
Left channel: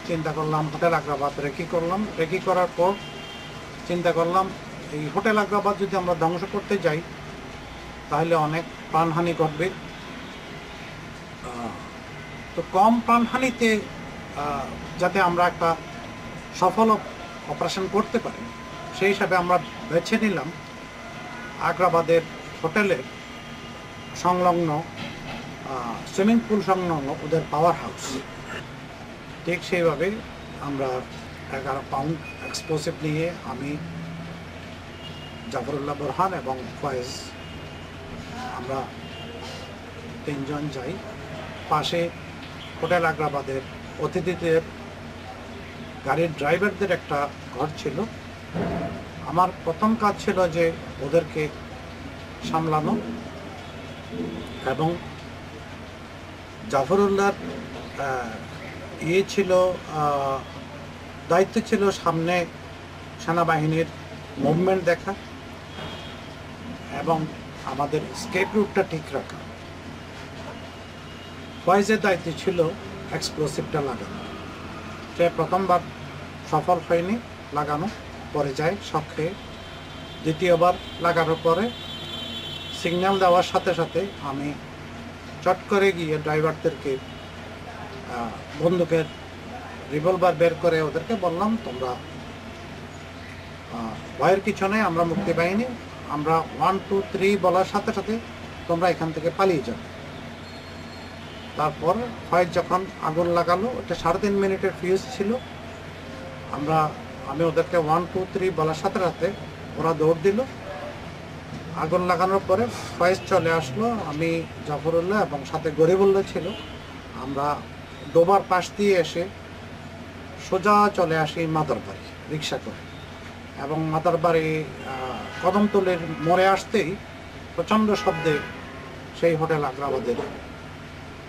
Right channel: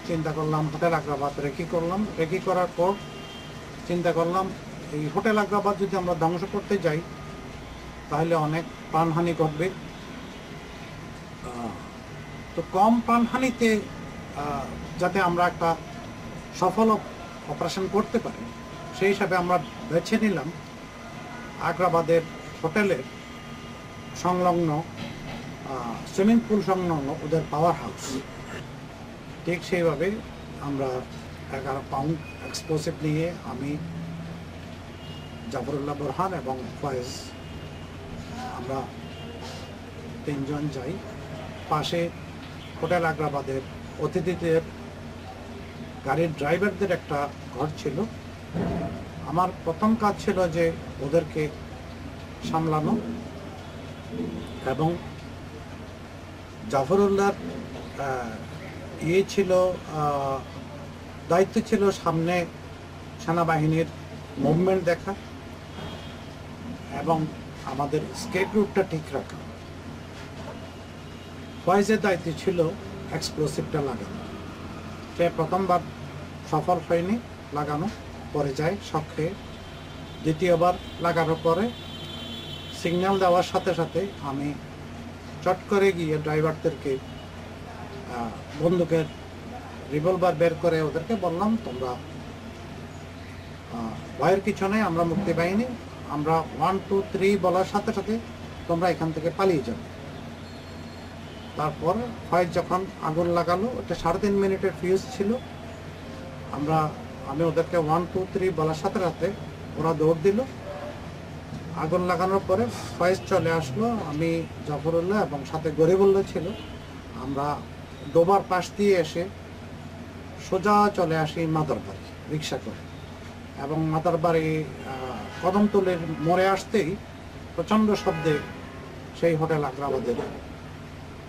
চিন্তা করলাম হোটেল আগ্রাবাদ রেকি করলাম। রেকি করার পর চিন্তা করলাম এই হোটেল আগ্রাবাদ যদি আমরা ধ্বংস করতে যাই তাহলে অনেক প্রাণহানি ঘটবে। তো কম প্রাণহানিতে যাতে আমরা একটা সফল অপারেশন করতে পারি সেই হিসাবে আমরা বেছে নিলাম আগ্রাবাদের হোটেলের সংলগ্ন সুইমিং পুল সংলগ্ন ওদের পাওয়ার হাউস। ঠিক সেইভাবে আমরা 11 পাউন্ড এক্সপ্লোসিভ নিয়ে আমি, জাফরুল্লাহ বোরহান এবং ফয়েজ আমরা 3 জন যাই। পাশে হোটেল আগ্রাবাদের অতিথিদের গাড়ির ড্রাইভারদের একটা ঘর ছিল। আমার প্রথম কাজ ছিল যে ওদেরকে সামলানো এবং জাফরুল্লাহর ছিল দায়িত্ব ছিল সামনে সেনাবাহিনীর মুভমেন্ট দেখা এবং আমাদের স্কেপ রুটটা ঠিক রাখা। ফয়েজের দায়িত্ব ছিল এক্সপ্লোসিভটা লাগানো। সে প্রথমবার সফল হয়নি লাগানো, পরে যায় শখে। দ্বিতীয়বার লাগানোর পরে সিগন্যাল দেওয়ার সাথে সাথে আমি চট করে গিয়ে ড্রাইভারদেরকে বন্দুকের রিভলভার বের করে ওদেরকে বললাম, তোমরা ভয়ের কিছু নেই, আমরা মুক্তি বাহিনী, আমরা 1 2 3 বলার সাথে সাথে তোমরা এখান থেকে পালিয়ে যাবে। তারপর ফয়েজ যখন আগুন লাগালো, ওটা 3.5 মিনিটের ফিউজ ছিল। আমি ওদেরকে 1 2 3 বলার সাথে সাথে ওরা দৌড় দিল। আগুন লাগানোর পরে ফয়েজ চলে আসলো, আমি, জাফরুল্লাহ এবং সাথে গরিবুল্লাহ ছিল। আমরা ডোবার পাশ দিয়ে এসে সোজা চলে আসি মাদারবাড়ি রিক্সা করে, এবং মাদারবাড়ি কদমতলের মোড়ে আসতেই প্রচণ্ড শব্দে সেই হোটেল আগ্রাবাদের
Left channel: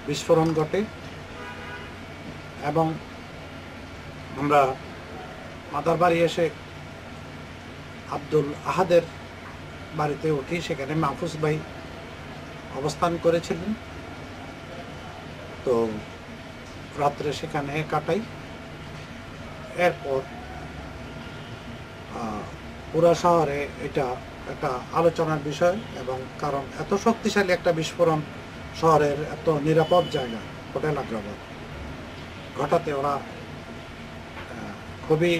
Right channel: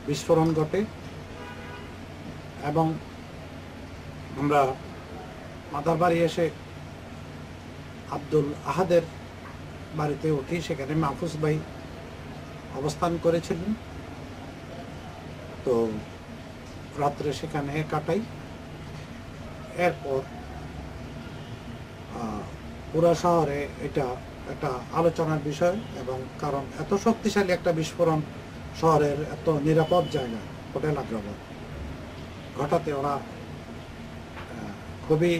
বিস্ফোরণ ঘটে এবং আমরা মাদারবাড়ি এসে আব্দুল আহাদের বাড়িতে উঠি। সেখানে মাহফুজ ভাই অবস্থান করেছিলেন। তো রাত্রে সেখানে কাটাই। এরপর পুরা শহরে এটা একটা আলোচনার বিষয়, এবং কারণ এত শক্তিশালী একটা বিস্ফোরণ শহরের এত নিরাপদ জায়গা হোটেল আগ্রাবাদ ঘটাতে ওরা খুবই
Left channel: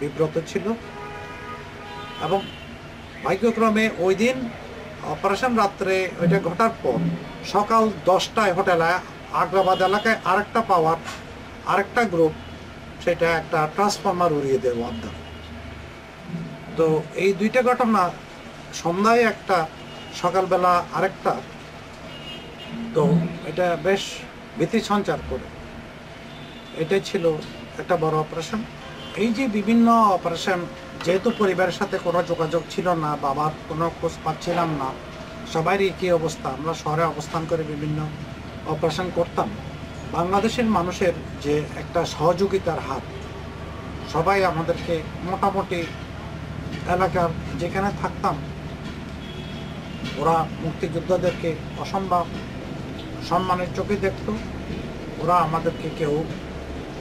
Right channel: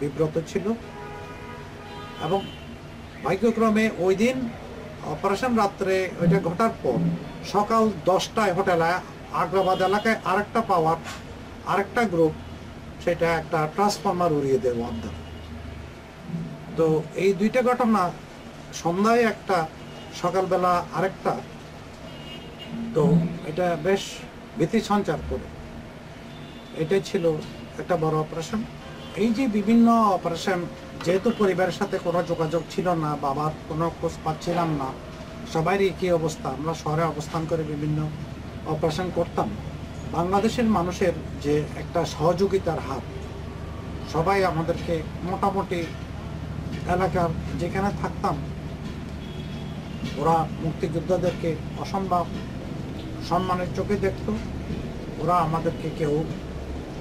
বিব্রত ছিল। এবং ভাগ্যক্রমে ওই দিন অপারেশন রাত্রে ওইটা ঘটার পর সকাল 10টায় হোটেল আগ্রাবাদ এলাকায় আরেকটা গ্রুপ সেটা একটা ট্রান্সফরমার উড়িয়ে দেয় অর্ধেক। তো এই দুইটা ঘটনা, সন্ধ্যায় একটা, সকালবেলা আরেকটা, তো এটা বেশ ভীতি সঞ্চার করে। এটাই ছিল একটা বড় অপারেশন। এই যে বিভিন্ন অপারেশন, যেহেতু পরিবারের সাথে কোনো যোগাযোগ ছিল না, বাবার কোনো খোঁজ পাচ্ছিলাম না, সবারই একই অবস্থা, আমরা শহরে অবস্থান করে বিভিন্ন অপারেশন করতাম। বাংলাদেশের মানুষের যে একটা সহযোগিতার হাত, সবাই আমাদেরকে মোটামুটি এলাকার যেখানে থাকতাম ওরা মুক্তিযোদ্ধাদেরকে অসম্ভব সম্মানের চোখে দেখত। ওরা আমাদেরকে কেউ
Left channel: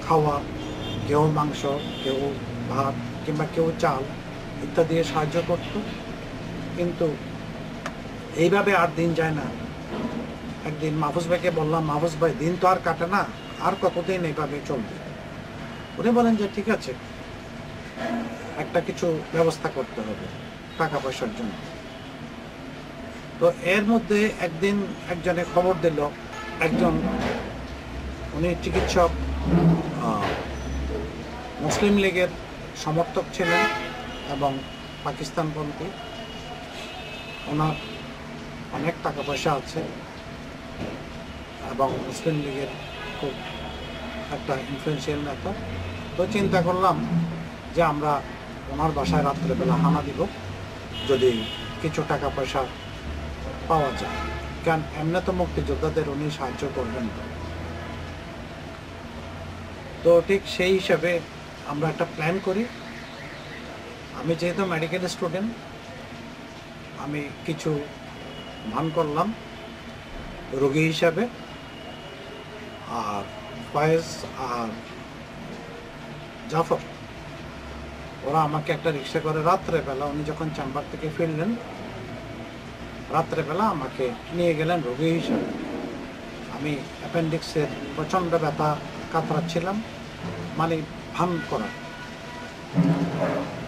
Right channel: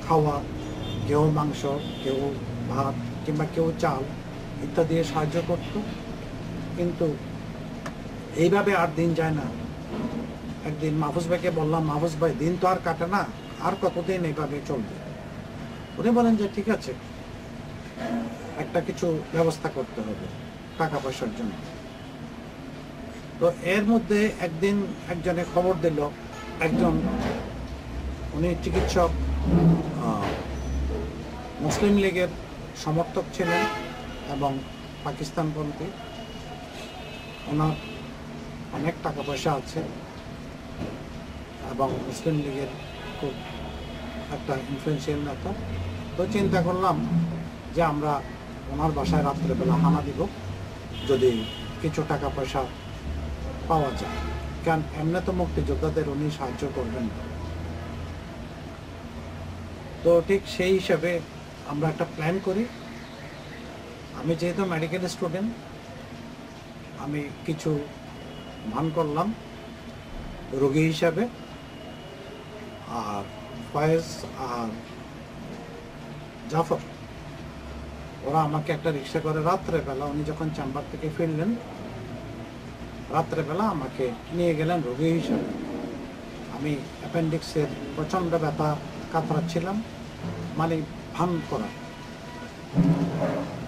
খাওয়া, কেউ মাংস, কেউ ভাত কিংবা কেউ চাল ইত্যাদি সাহায্য করত। কিন্তু এইভাবে আর দিন যায় না। একদিন মাহফুজ ভাইকে বললাম, মাহফুজ ভাই, দিন তো আর কাটে না, আর কতদিন এইভাবে চলবে? উনি বলেন যে ঠিক আছে, একটা কিছু ব্যবস্থা করতে হবে টাকা পয়সার জন্য। তো এর মধ্যে একদিন একজনে খবর দিল, একজন, উনি চিকিৎসক, মুসলিম লীগের সমর্থক ছিলেন এবং পাকিস্তানপন্থী, ওনার অনেক টাকা পয়সা আছে এবং মুসলিম লীগের খুব একটা ইনফ্লুয়েন্সিয়াল নেতা। তো চিন্তা করলাম যে আমরা ওনার বাসায় রাত্রেবেলা হানা দিব, যদি কিছু টাকা পয়সা পাওয়া যায়, কারণ এমনি তো মুক্তিযোদ্ধাদের উনি সাহায্য করবেন না। তো ঠিক সেই হিসাবে আমরা একটা প্ল্যান করি। আমি যেহেতু মেডিকেল স্টুডেন্ট, আমি কিছু ভান করলাম রোগী হিসাবে। আর ফয়েজ আর জাফর ওরা আমাকে একটা রিক্সা করে রাত্রেবেলা, উনি যখন চেম্বার থেকে ফিরলেন রাত্রেবেলা আমাকে নিয়ে গেলেন রোগী হিসাবে। আমি অ্যাপেন্ডিক্সের প্রচণ্ড ব্যথা কাতরাচ্ছিলাম, মানে ভান করা।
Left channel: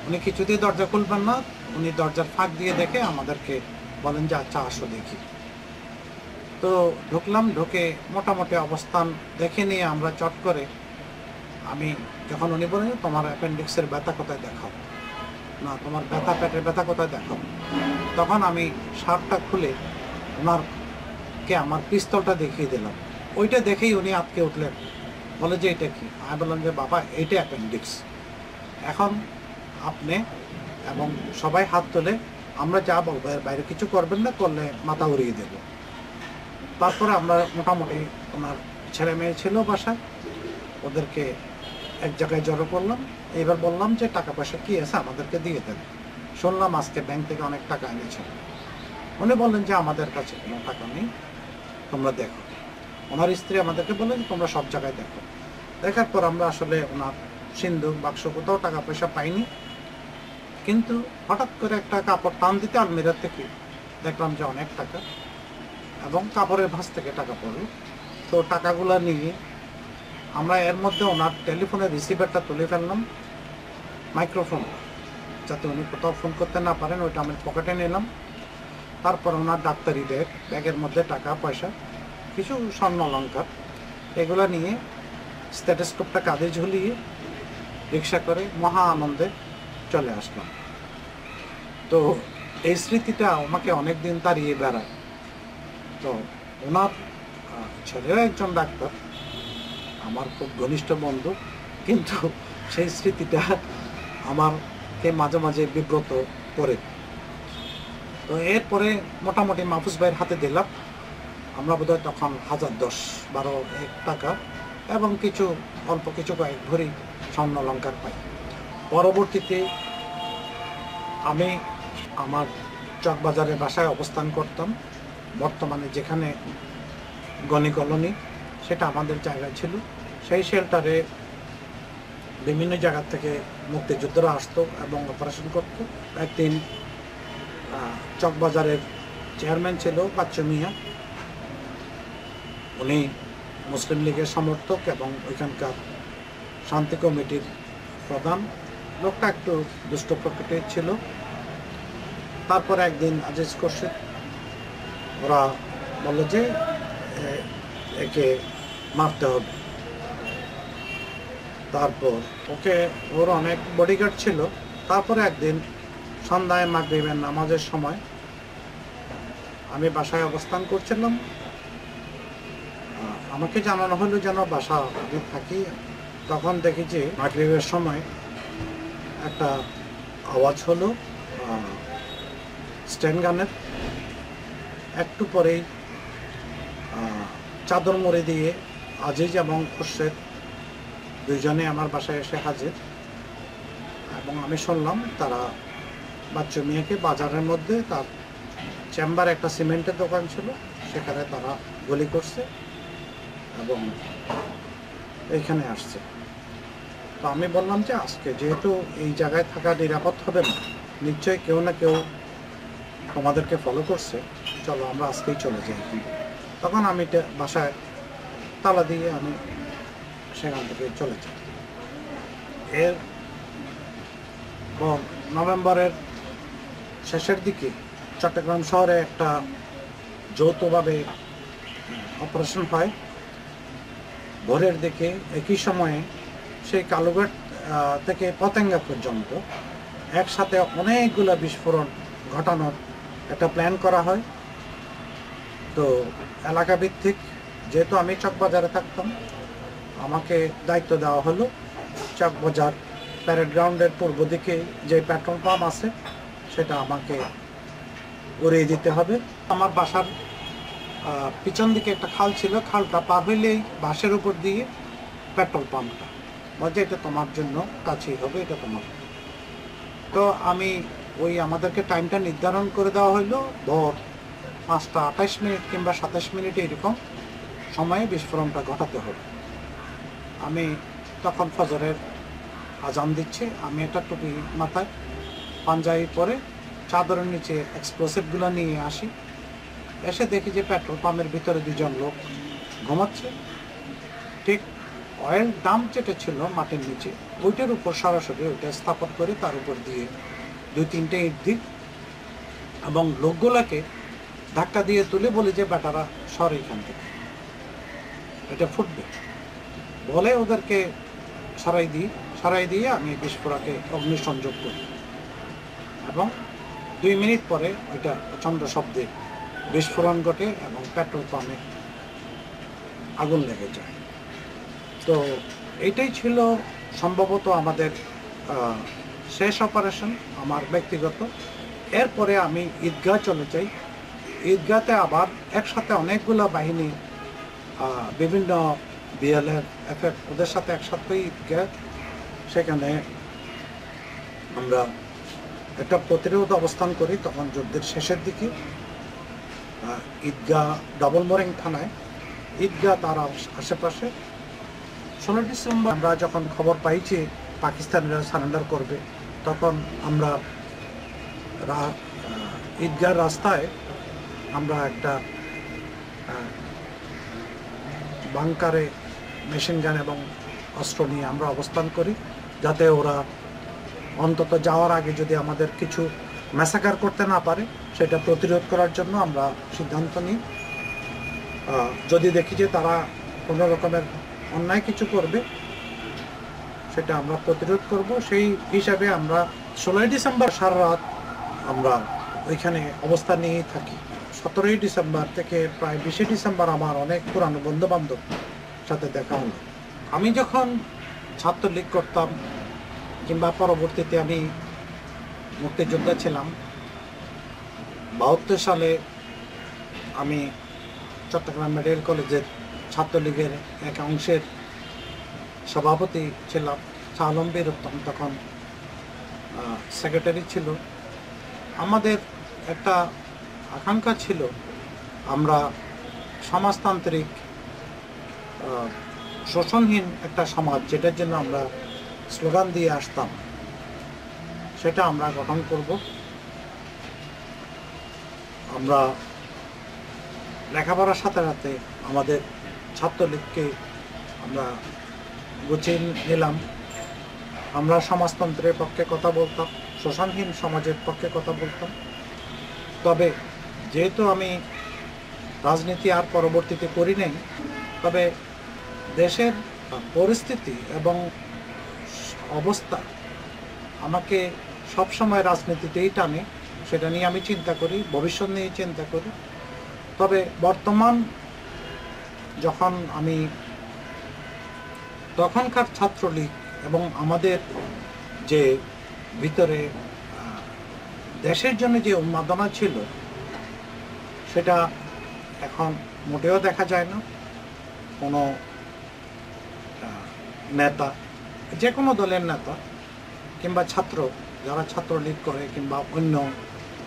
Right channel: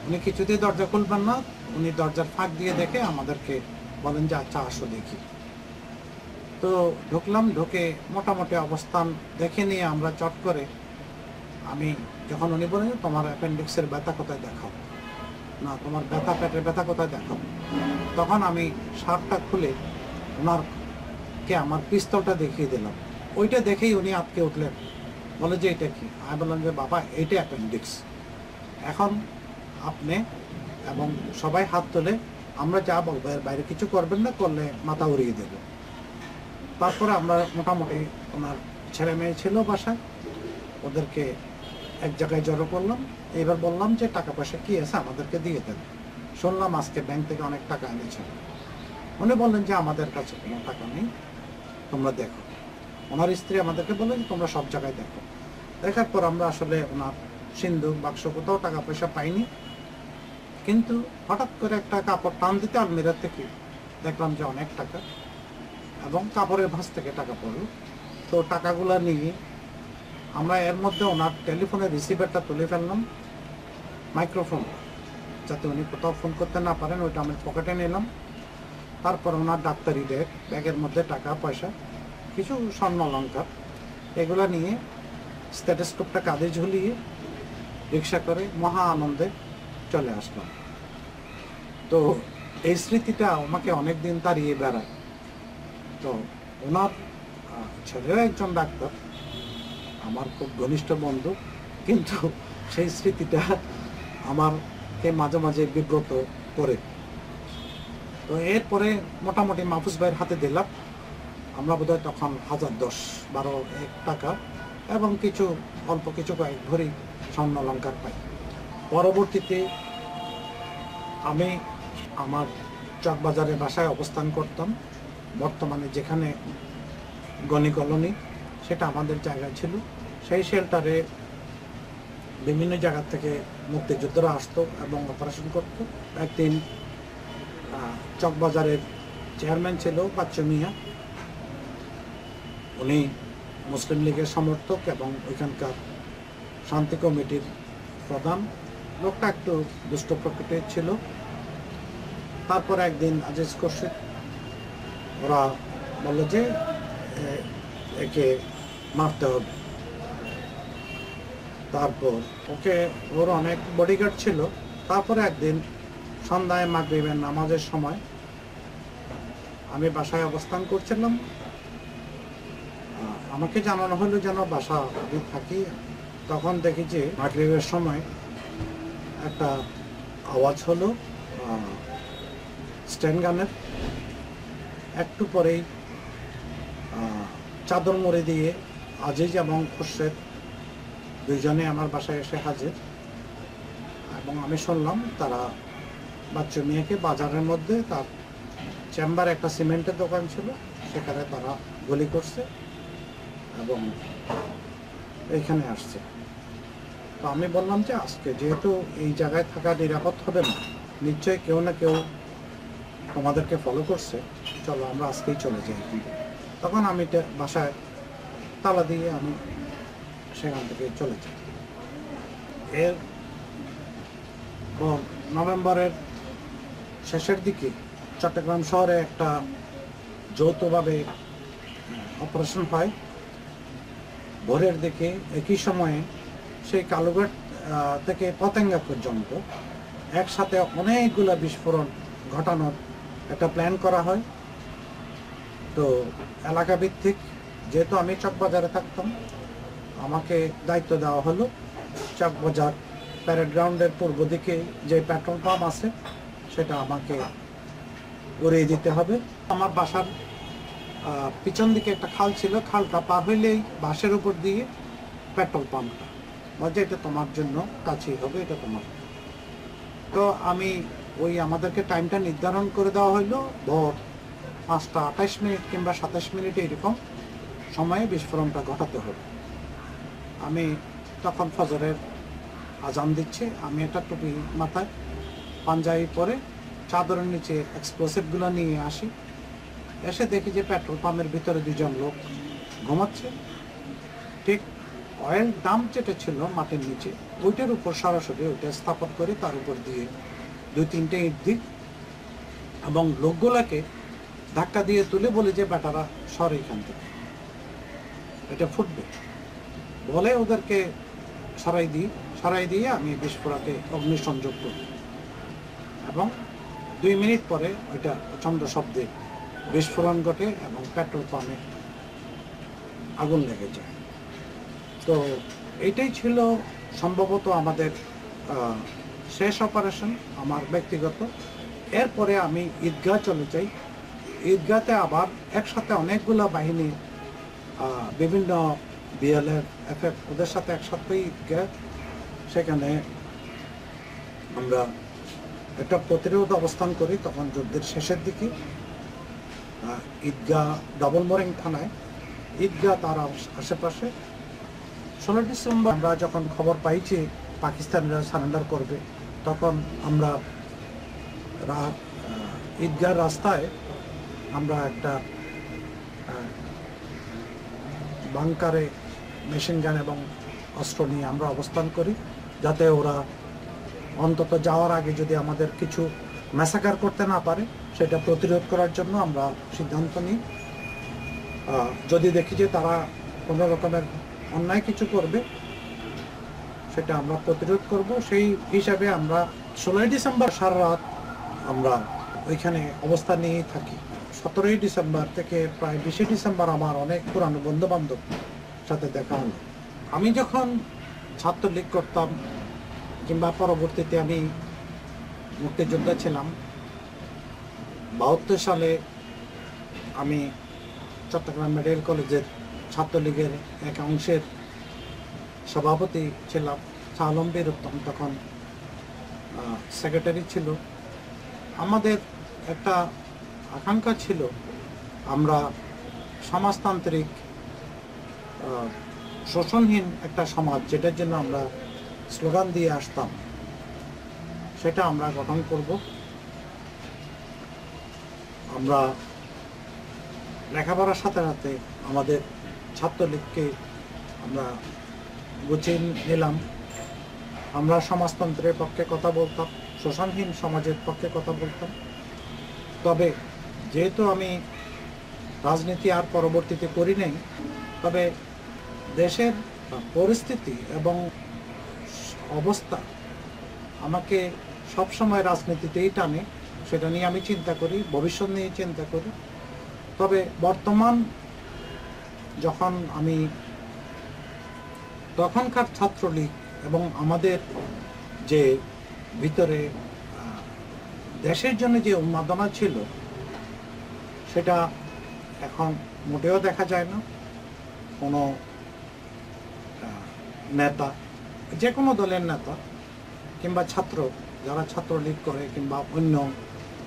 উনি কিছুতেই দরজা খুলবেন না, উনি দরজার ফাঁক দিয়ে দেখে আমাদেরকে বলেন যে আচ্ছা আসো দেখি। তো ঢুকলাম, ঢুকে মোটামুটি অবস্থান দেখে নিয়ে আমরা চট করে, আমি যখন উনি বলেন তোমার অ্যাপেন্ডিক্সের ব্যথা কোথায় দেখাও, না তোমার ব্যথা পেটের ব্যথা কোথায় দেখাও, তখন আমি শার্টটা খুলে ওনারকে আমার পিস্তলটা দেখিয়ে দিলাম। ওইটা দেখেই উনি আটকে উঠলেন, বলে যে এটা কি? আমি বললাম যে বাবা এইটা অ্যাপেন্ডিক্স, এখন আপনি এবং সবাই হাত তোলে, আমরা যা বলবো এর বাইরে কিছু করবেন না, করলে মাথা উড়িয়ে দেব। তারপরে আমরা মোটামুটি ওনার ছেলে মেয়ে ছিল বাসায়, ওদেরকে এক জায়গায় জড়ো করলাম। এবার বললাম যে টাকা পয়সা কি আছে আমাদেরকে দিয়ে দেন, শুনলাম আজকে ব্যাংক থেকে অনেক টাকা এনেছেন। উনি বললেন যে আমাদের কাছে কোনো টাকা নেই, তোমরা দেখো। ওনার স্ত্রী আমাদেরকে বললেন তোমরা সব জায়গায় দেখো। দেখার পর আমরা আসলে ওনার সিন্ধুক বাক্স কোথাও টাকা পয়সা পাইনি, কিন্তু হঠাৎ করে একটা কাপড় টান দিতে আলমিরার থেকে দেখলাম যে অনেক টাকা, এবং কাপড়ের ভাঁজ থেকে টাকা পড়লো। তো টাকাগুলো নিয়ে আমরা এর মধ্যে ওনার টেলিফোনের রিসিভারটা তুলে ফেললাম, মাইক্রোফোন, যাতে উনি কোথাও ফোন করতে না পারেন, ওইটা আমি পকেটে নিলাম। তারপর ওনার ডাক্তারি ব্যাগ, ব্যাগের মধ্যে টাকা পয়সা, কিছু স্বর্ণ অলঙ্কার, এগুলো নিয়ে স্টেথোস্কোপটা কাঁধে ঝুলিয়ে রিক্সা করে মহা আনন্দে চলে আসলাম। তো এই স্মৃতিটা আমাকে অনেক দিন তাড়িয়ে বেড়ায়। তো ওনার ছেলেও একজন ডাক্তার, আমার খুব ঘনিষ্ঠ বন্ধু, কিন্তু সেই স্মৃতিটা আমাকে মাঝে মাঝে বিব্রত করে। তো এরপরে মোটামুটি মাহফুজ ভাইয়ের হাতে দিলাম, আমরা বোধহয় তখন 1010-12 টাকা এবং কিছু অল্প কিছু কয়েক ভরি স্বর্ণ অলঙ্কার পাই। পরবর্তীতে আমি আমার চকবাজারের বাসায় অবস্থান করতাম, বর্তমানে যেখানে গনি কলোনি, সেটা আমাদের জায়গা ছিল। সেই শেল্টারে বিভিন্ন জায়গা থেকে মুক্তিযোদ্ধারা আসতো এবং অপারেশন করতো। একদিন চকবাজারের চেয়ারম্যান ছিল বাচ্চু মিয়া, উনি মুসলিম লীগের সমর্থক এবং ওইখানকার শান্তি কমিটির প্রধান। লোকটা একটু দুষ্ট প্রকৃতির ছিল। তারপর একদিন আজিজ খুরশিদ ওরা বলল যে একে মারতে হবে। তারপর ওর অনেক বডিগার্ড ছিল। তারপরে একদিন সন্ধ্যায় মাগরিবের নামাজের সময় আমি বাসায় অবস্থান করছিলাম, আমাকে জানানো হলো যেন বাসা আমি থাকি। তখন দেখি যে মাগরিবের সময় একটা আওয়াজ হলো স্ট্যান্ড গানের। একটু পরেই চাদর মুড়ি দিয়ে আজিজ এবং খুরশেদ দুইজনে আমার বাসায় এসে হাজির, এবং আমি শুনলাম তারা বাচ্চু মিয়াকে বাজারের মধ্যে, তার চেম্বারে একটা সিমেন্টের দোকান ছিল, সেখানে তারা গুলি করছে এবং এইখানে আসছে। তো আমি বললাম যে আজকে যেহেতু এই জায়গায় থাকা নিরাপদ হবে না, নিশ্চয়ই কেউ না কেউ তোমাদেরকে ফলো করছে, চলো আমরা আজকেই চলে যাই। তখন আমি বাসায় তালা দিয়ে আমি সেখান থেকে চলে যাই। এর নভেম্বরের শেষের দিকে চট্টগ্রাম শহরে একটা যৌথভাবে অপারেশন হয় ভোরের দিকে। একই সময়ে সেই কালুঘাট থেকে পতেঙ্গা পর্যন্ত একসাথে অনেকগুলো বিস্ফোরণ ঘটানোর একটা প্ল্যান করা হয়। তো এলাকা ভিত্তিক, যেহেতু আমি চকবাজারে থাকতাম, আমাকে দায়িত্ব দেওয়া হলো চকবাজার প্যারেড গ্রাউন্ডের পূর্ব দিকে যে পেট্রোল পাম্প আছে সেটা আমাকে উড়িয়ে দিতে হবে। আমার বাসার পিছন দিকে একটা খাল ছিল, খালটা পার হইলেই বাসের উপর দিয়ে পেট্রোল পাম্পটা, বলছে এটা তোমার জন্য কাছেই হবে, এটা তোমার। তো আমি ওই আমাদেরকে টাইমটা নির্ধারণ করে দেওয়া হইলো ভোর 5টা 28 মিনিট কিংবা 27 মিনিট এরকম সময়ে বিস্ফোরণটা ঘটাতে হবে। আমি তখন ফজরের আজান দিচ্ছে, আমি একটা টুপি মাথায় পাঞ্জাবি পরে চাদরের নিচে এক্সপ্লোসিভগুলো নিয়ে আসি। এসে দেখি যে পেট্রোল পাম্পের ভিতরে 2জন লোক ঘুমাচ্ছে। ঠিক অয়েল ডাম্প যেটা ছিল মাটির নিচে, ওইটার উপর সরাসরি ওইটা স্থাপন করে তার উপর দিয়ে 2-3টে ইট দিই এবং লোকগুলোকে ধাক্কা দিয়ে তুলে বলি যে বেটারা সর এখান থেকে, এটা ফুটবে বলে ওদেরকে সরাই দিয়ে আমি বিস্ফোরকে অগ্নিসংযোগ করি এবং 2 মিনিট পরে ওইটা প্রচণ্ড শব্দে বিস্ফোরণ ঘটে এবং পেট্রোল পাম্পে আগুন লেগে যায়। তো এইটাই ছিল সম্ভবত আমাদের শেষ অপারেশন আমার ব্যক্তিগত। এরপরে আমি ঈদগাহ চলে যাই। ঈদগাহতে আবার একসাথে অনেকগুলো বাহিনী, বিভিন্ন বিএলএফ, এফএফ, ওদের সাথে একসাথে ঈদগাহ, সেখানে আমরা একটা প্রতিরোধ অবস্থান করি। তখন যুদ্ধের শেষের দিকে ঈদগাহ ডাবল মোরিং থানায়, ঈদগাহ তার আশেপাশে 16 ডিসেম্বর আমরা যখন খবর পাইছি পাকিস্তানিরা সারেন্ডার করবে, তখন আমরা ঈদগাহ রাস্তায় আমরা একটা বাংকারে মেশিন গান এবং অস্ত্র নিয়ে আমরা অবস্থান করি, যাতে ওরা অন্তত যাওয়ার আগে যদি আমাদের কিছু ম্যাসাকার করতে না পারে সেটা প্রতিরোধ করার জন্য আমরা সিদ্ধান্ত নিই। যদি দেখি যে তারা কোনো রকমের অন্যায় কিছু করবে সেটা আমরা প্রতিরোধ করব, সেই হিসাবে আমরা 16 ডিসেম্বর সারা রাত আমরা ওইখানে অবস্থান নিয়েই থাকি। 17 ডিসেম্বর থেকে প্রায় 20 ডিসেম্বর আমার অনেক পুরানো বন্ধুবান্ধব সাথে দেখা হলো। আমি যখন ছাত্রলীগ করতাম কিংবা পরবর্তীতে আমি মুক্তিযোদ্ধা ছিলাম, 72 সালে আমি চট্টগ্রাম মেডিকেল কলেজের ছাত্রলীগের এক অংশের সভাপতি ছিলাম। আলম বীরুত্তম তখন সেক্রেটারি ছিল। আমাদের একটা আকাঙ্ক্ষা ছিল আমরা সমাজতান্ত্রিক শোষণহীন একটা সমাজ, যেটার জন্য আমরা স্লোগান দিয়ে আসতাম, সেটা আমরা গঠন করব। আমরা লেখাপড়ার সাথে সাথে আমাদের ছাত্রলীগকে আমরা গুছিয়ে নিলাম। আমরা সমাজতন্ত্রের পক্ষে কথা বলতাম, শোষণহীন সমাজের পক্ষে কথা বলতাম। তবে যেহেতু আমি রাজনীতি আর পরবর্তীতে করি নাই, তবে দেশের পরিস্থিতি এবং অবস্থা আমাকে সবসময় রাজনীতিতেই টানে, সেটা নিয়ে আমি চিন্তা করি, ভবিষ্যৎ নিয়ে চিন্তা করি। তবে বর্তমান যখন আমি তখনকার ছাত্রলীগ এবং আমাদের যে ভিতরে দেশের জন্য যে উন্মাদনা ছিল সেটা এখন মোটেও দেখা যায় না। কোনো নেতা, যে কোনো দলের নেতা কিংবা ছাত্র, যারা ছাত্রলীগ করে কিংবা অন্য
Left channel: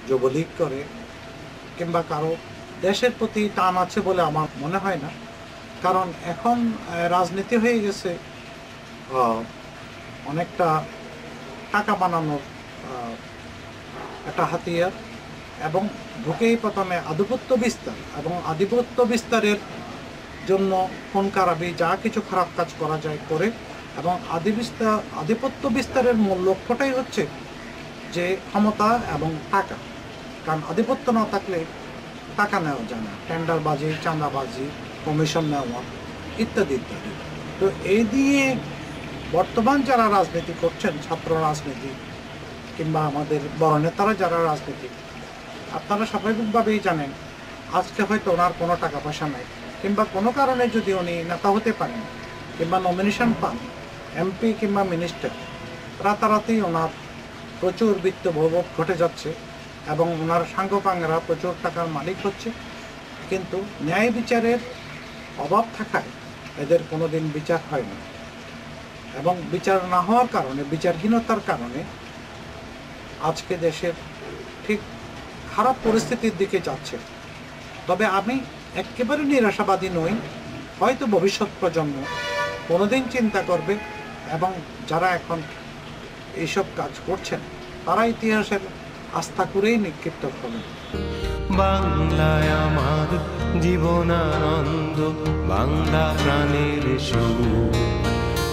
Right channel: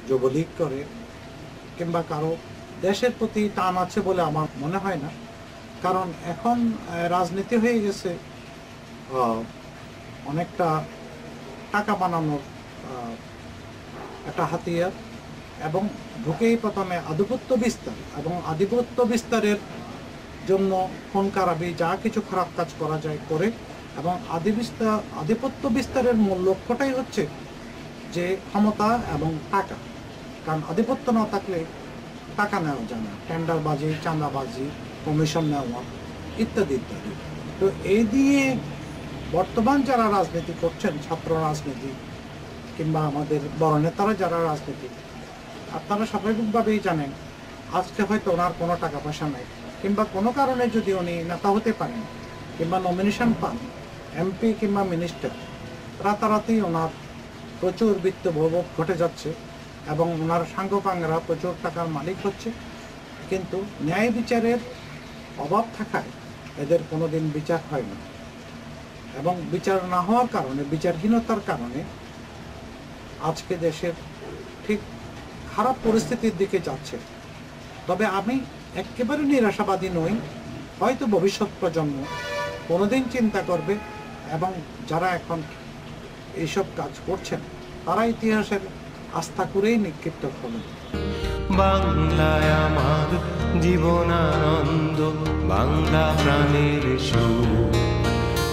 যুবলীগ করে কিংবা কারো দেশের প্রতি টান আছে বলে আমার মনে হয় না। কারণ এখন রাজনীতি হয়ে গেছে অনেকটা টাকা বানানোর একটা হাতিয়ার, এবং ঢুকেই প্রথমে আধিপত্য বিস্তার, এবং আধিপত্য বিস্তারের জন্য খুন খারাপি যা কিছু খারাপ কাজ করা যায় করে, এবং আধিপত্য বিস্তারের মূল লক্ষ্যটাই হচ্ছে যে ক্ষমতা এবং টাকা। কারণ আধিপত্য না থাকলে টাকা নেওয়া যায় না, টেন্ডারবাজি, চাঁদাবাজি, কমিশন নেওয়া ইত্যাদি ইত্যাদি। তো এই দিয়ে বর্তমান যারা রাজনীতি করছেন, ছাত্র রাজনীতি কিংবা আমাদের বড় নেতারা যারা রাজনীতি, আপনারা স্বাভাবিকভাবেই জানেন আজকে হয়তো ওনার কোনো টাকা পয়সা নাই, কিংবা কোনো কারণে যদি উনি নেতা হতে পারেন কিংবা নমিনেশন পান, এমপি কিংবা মিনিস্টার, রাতারাতি ওনার প্রচুর বিত্ত ভোগ ঘটে যাচ্ছে এবং ওনার সাঙ্গপাঙ্গরা প্রচুর টাকার মালিক হচ্ছে। কিন্তু ন্যায় বিচারের অভাব থাকায় এদের কোনো দিন বিচার হয় না, এবং বিচার না হওয়ার কারণে, বিচারহীনতার কারণে আজকে দেশের ঠিক খারাপ পরিস্থিতির দিকে যাচ্ছে। তবে আমি একেবারে নিরাশাবাদী নই। হয়তো ভবিষ্যৎ প্রজন্ম কোনোদিন চিন্তা করবে, এবং যারা এখন এইসব কাজ করছেন তারা ইতিহাসের আস্থা করেই নিক্ষিপ্ত হবেন। বাংলায় আমার জীবনানন্দ, বাংলা প্রাণের সুর।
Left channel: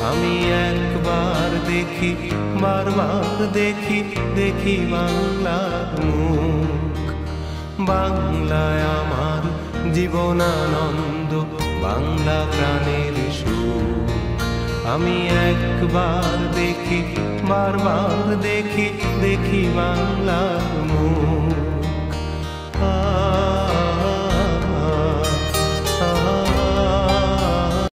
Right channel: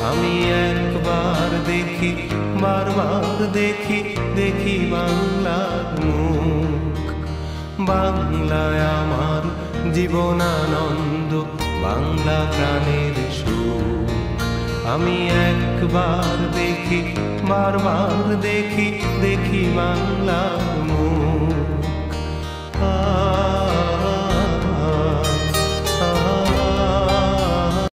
আমি একবার দেখি, বারবার দেখি, দেখি বাংলার মুখ। বাংলায় আমার জীবনানন্দ, বাংলা প্রাণের সুর। আমি একবার দেখি, বারবার দেখি, দেখি বাংলার মুখ।